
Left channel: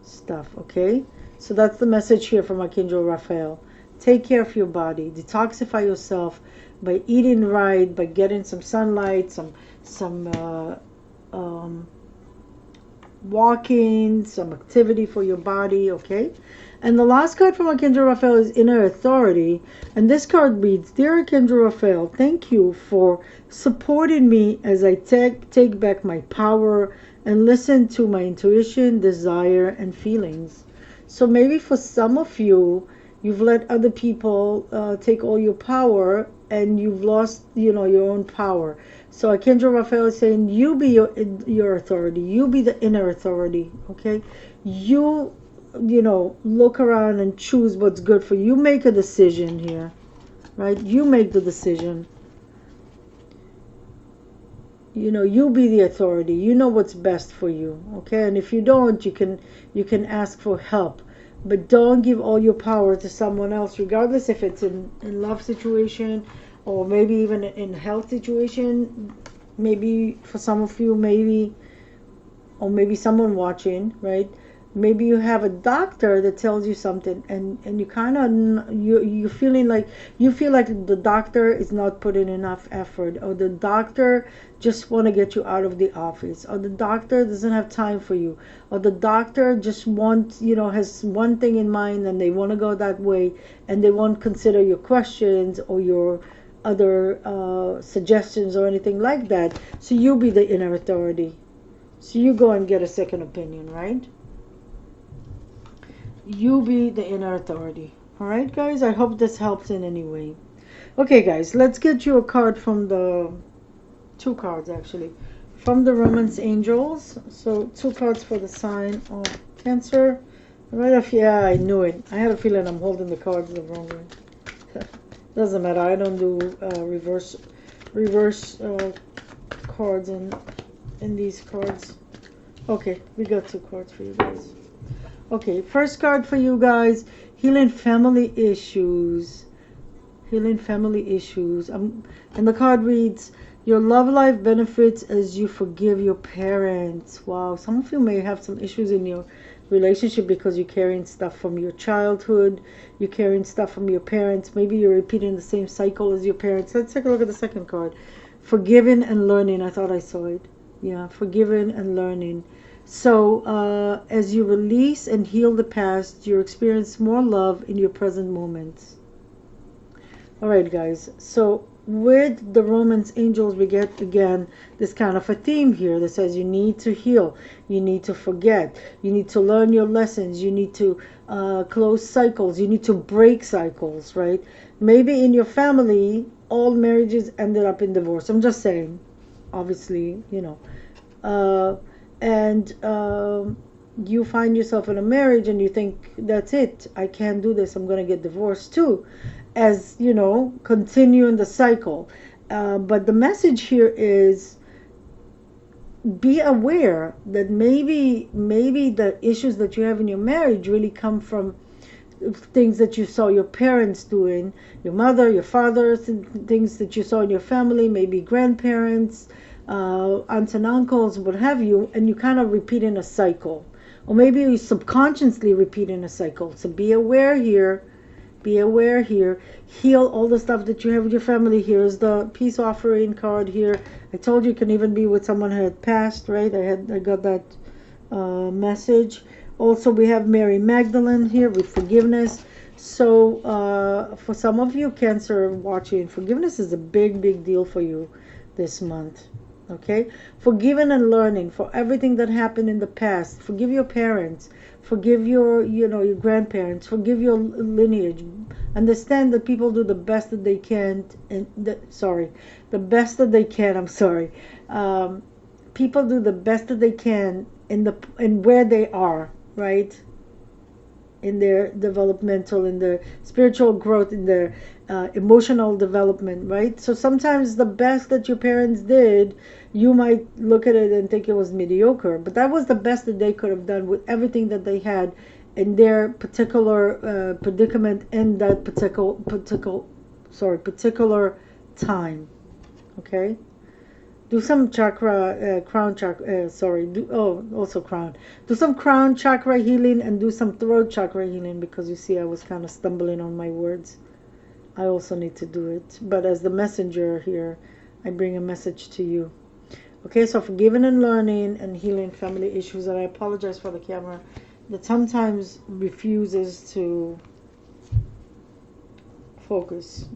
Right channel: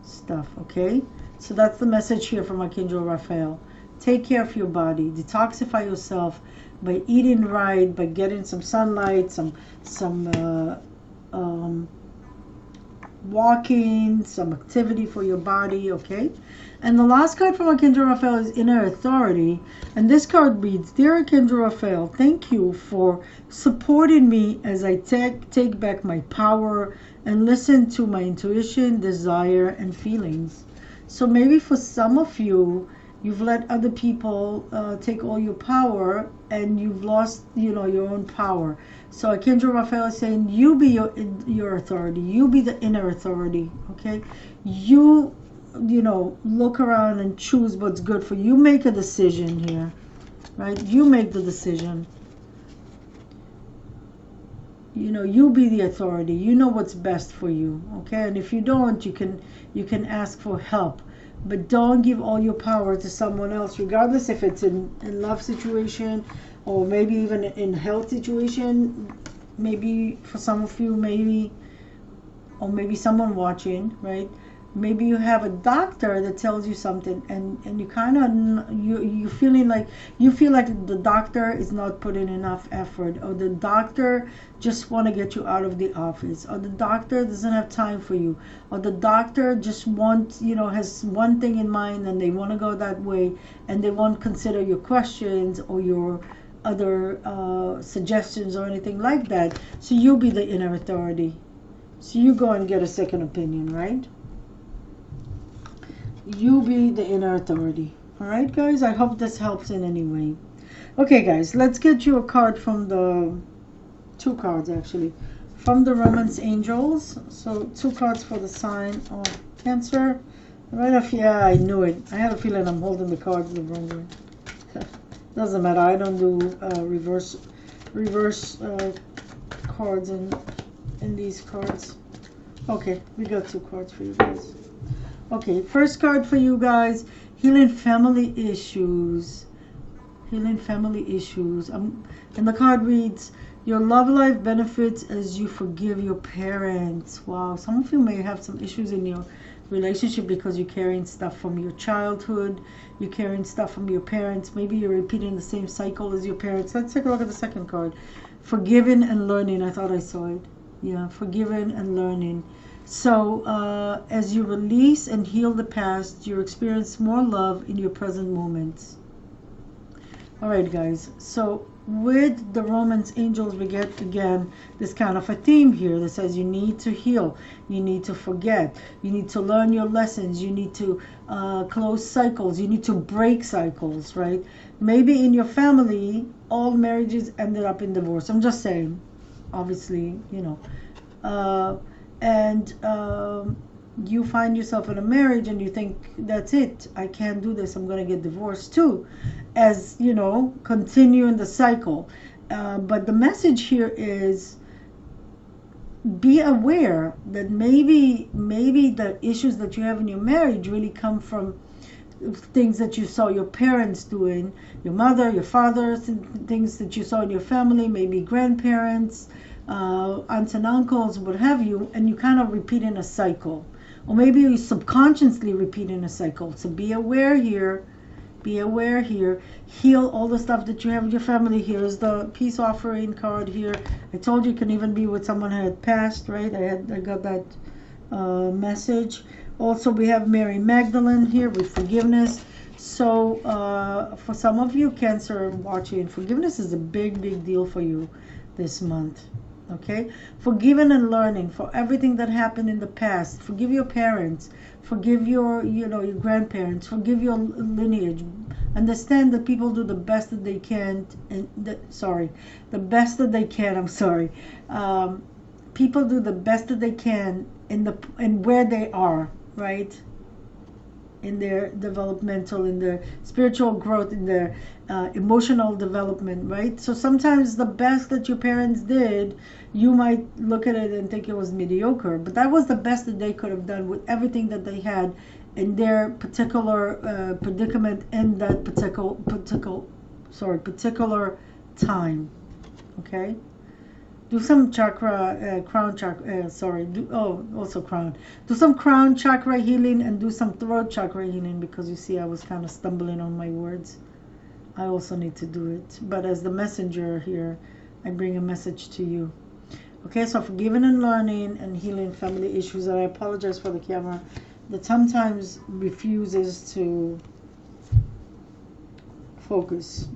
stuff, okay? So that's the message here from Archangel Raphael. Take care of your body, detoxify yourself by eating right, by getting some sunlight, some walking, some activity for your body, okay? And the last card from Archangel Raphael is Inner Authority. And this card reads, Dear Archangel Raphael, thank you for supporting me as I take back my power and listen to my intuition, desire, and feelings. So maybe for some of you, you've let other people take all your power, and you've lost, you know, your own power. So Archangel Raphael is saying, you be your authority. You be the inner authority, okay? You know, look around and choose what's good for you. You make a decision here, right? You make the decision. You know, you be the authority. You know what's best for you, okay? And if you don't, you can ask for help. But don't give all your power to someone else, regardless if it's in love situation or maybe even in health situation. Maybe for some of you, maybe, or maybe someone watching, right? Maybe you have a doctor that tells you something, and you kind of you feeling like you feel like the doctor is not putting enough effort, or the doctor just want to get you out of the office, or the doctor doesn't have time for you, or the doctor just wants, you know, has one thing in mind and they want to go that way, and they won't consider your questions or your other suggestions or anything like that. So you be the inner authority. So you go and get a second opinion, right? You be the inner authority. All right, guys, I hope this helps in any way. Okay, guys, let's get you a card from the two cards actually from the Romance Angels. So two cards for the sign of Cancer. Right off, yeah, I knew it. I had a feeling I'm holding the cards the wrong way. Doesn't matter. I don't do reverse cards in these cards. Okay, we got two cards for you guys. Okay, first card for you guys, healing family issues. Healing family issues. And the card reads, your love life benefits as you forgive your parents. Wow, some of you may have some issues in your relationship because you're carrying stuff from your childhood. You're carrying stuff from your parents. Maybe you're repeating the same cycle as your parents. Let's take a look at the second card. Forgiving and learning. I thought I saw it. Yeah, forgiving and learning. So as you release and heal the past, you experience more love in your present moments. All right, guys. So with the romance angels, we get again this kind of a theme here that says you need to heal, you need to forget, you need to learn your lessons, you need to close cycles, you need to break cycles, right? Maybe in your family, all marriages ended up in divorce. I'm just saying, obviously, uh, and you find yourself in a marriage and you think, that's it, I can't do this, I'm going to get divorced too, as continuing the cycle. But the message here is, be aware that maybe the issues that you have in your marriage really come from things that you saw your parents doing, your mother, your father, things that you saw in your family, maybe grandparents, aunts and uncles, what have you, and you kind of repeat in a cycle. Or maybe you subconsciously repeat in a cycle. So be aware here. Be aware here. Heal all the stuff that you have in your family. Here's the peace offering card here. I told you can even be with someone who had passed, right? I got that message. Also, we have Mary Magdalene here with forgiveness. So, for some of you, Cancer watching, forgiveness is a big, big deal for you this month. Okay? Forgiving and learning for everything that happened in the past. Forgive your parents. Forgive your grandparents. Forgive your lineage. Understand that people do the best that they can, the best that they can. I'm sorry. People do the best that they can in where they are, right? In their developmental, in their spiritual growth, in their emotional development, right? So sometimes the best that your parents did, you might look at it and think it was mediocre, but that was the best that they could have done with everything that they had in their particular predicament in that particular time. Okay. Do some crown chakra, also crown. Do some crown chakra healing and do some throat chakra healing, because you see I was kind of stumbling on my words. I also need to do it. But as the messenger here, I bring a message to you. Okay, so forgiving and learning and healing family issues. I apologize for the camera that sometimes refuses to focus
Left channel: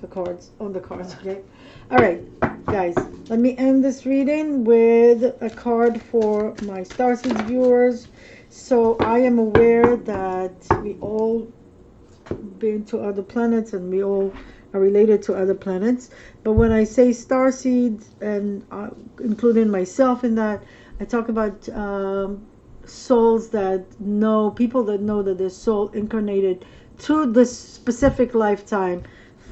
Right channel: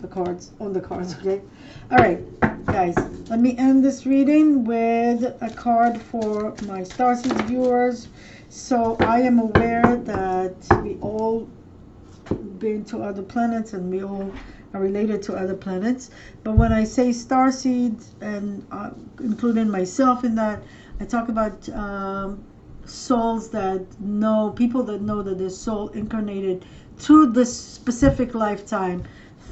on the cards, okay? All right, guys, let me end this reading with a card for my Starseeds viewers. So I am aware that we all been to other planets and we all are related to other planets. But when I say starseeds, and including myself in that, I talk about souls that know, people that know that their soul incarnated through this specific lifetime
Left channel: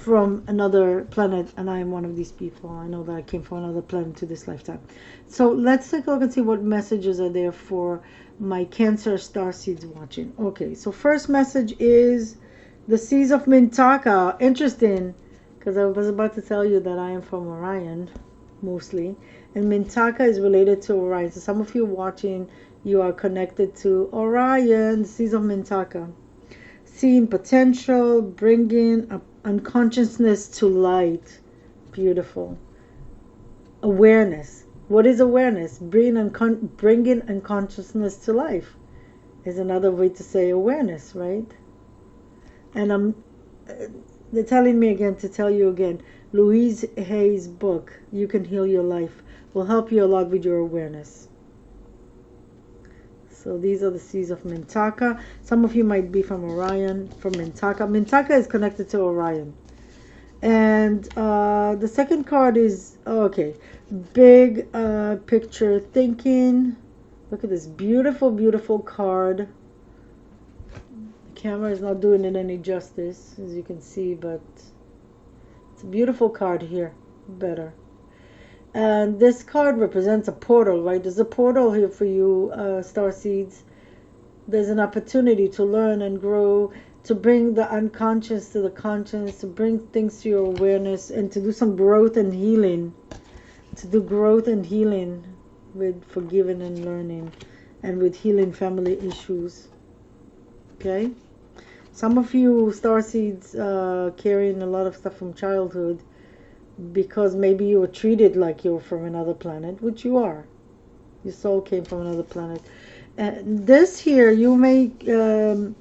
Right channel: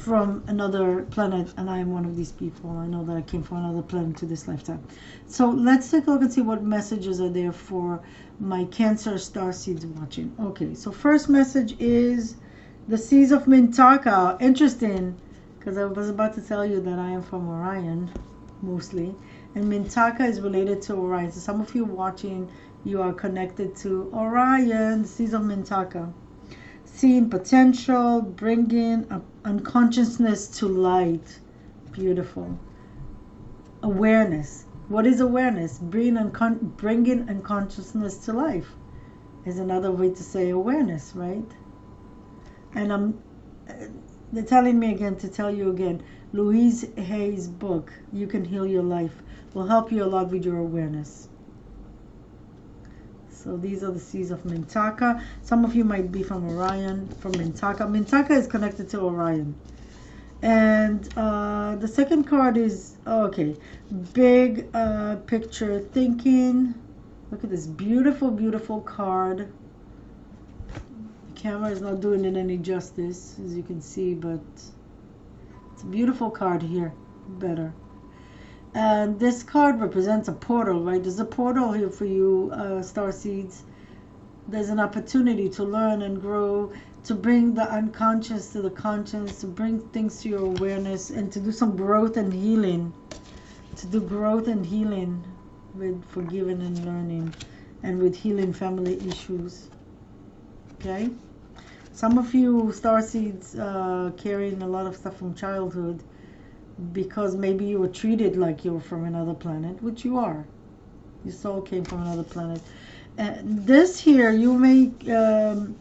from another planet, and I am one of these people. I know that I came from another planet to this lifetime. So let's take a look and see what messages are there for my Cancer starseeds watching. Okay, so first message is the Seas of Mintaka. Interesting, because I was about to tell you that I am from Orion, mostly. And Mintaka is related to Orion. So some of you watching, you are connected to Orion, the Seas of Mintaka. Seeing potential, bringing unconsciousness to light. Beautiful. Awareness. What is awareness? Bringing unconsciousness to life is another way to say awareness, right? And they're telling me again to tell you again, Louise Hay's book, You Can Heal Your Life, will help you a lot with your awareness. So these are the Seas of Mintaka. Some of you might be from Orion, from Mintaka. Mintaka is connected to Orion. And the second card is, big picture thinking. Look at this beautiful, beautiful card. Camera is not doing it any justice, as you can see, but it's a beautiful card here. Better. And this card represents a portal, right? There's a portal here for you, starseeds. There's an opportunity to learn and grow, to bring the unconscious to the conscious, to bring things to your awareness, and to do some growth and healing. To do growth and healing with forgiving and learning, and with healing family issues. Okay? Some of you starseeds carrying a lot of stuff from childhood, because maybe you were treated like you were from another planet, which you are. Your soul came from another planet. This here, you may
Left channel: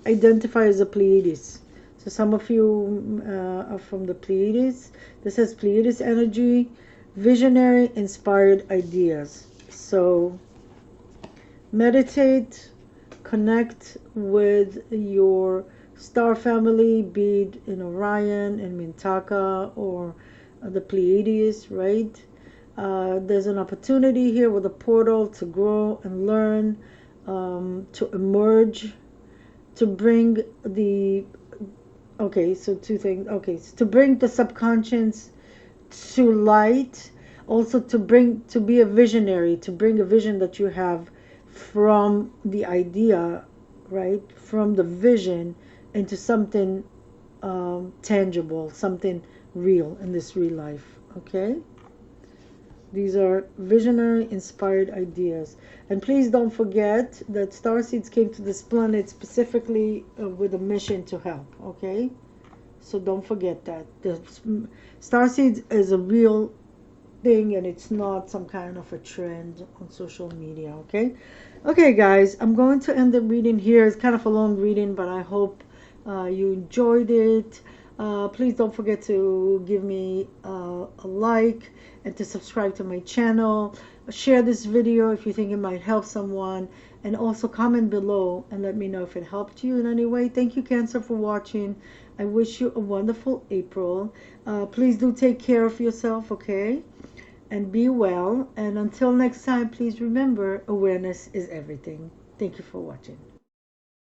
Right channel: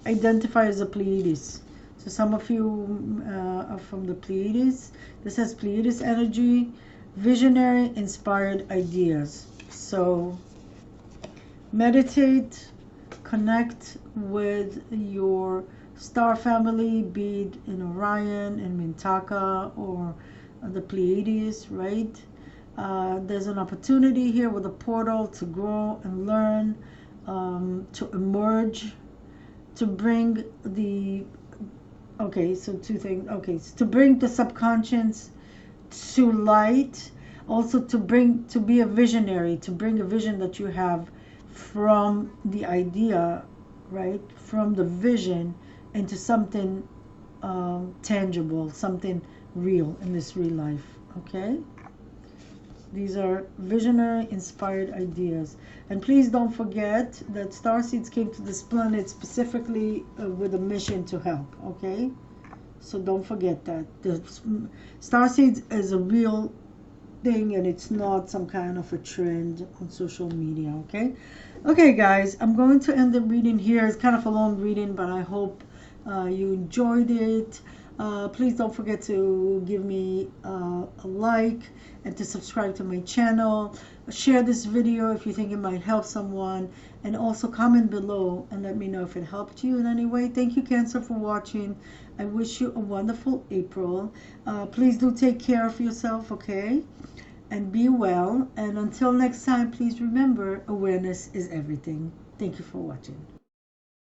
identify as a Pleiades. So some of you are from the Pleiades. This has Pleiades energy, visionary, inspired ideas. So meditate, connect with your star family, be it in Orion and Mintaka or the Pleiades, right? There's an opportunity here with a portal to grow and learn, to emerge, to bring the, okay, so two things. Okay, so to bring the subconscious to light, also to be a visionary, to bring a vision that you have from the idea, right, from the vision into something tangible, something real in this real life. Okay, these are visionary inspired ideas. And please don't forget that star seeds came to this planet specifically with a mission to help. Okay, so don't forget that the star seeds is a real thing, and it's not some kind of a trend on social media. Okay guys, I'm going to end the reading here. It's kind of a long reading, but I hope you enjoyed it. Please don't forget to give me a like and to subscribe to my channel. Share this video if you think it might help someone, and also comment below and let me know if it helped you in any way. Thank you, Cancer, for watching. I wish you a wonderful April. Please do take care of yourself, okay? And be well. And until next time, please remember, awareness is everything. Thank you for watching.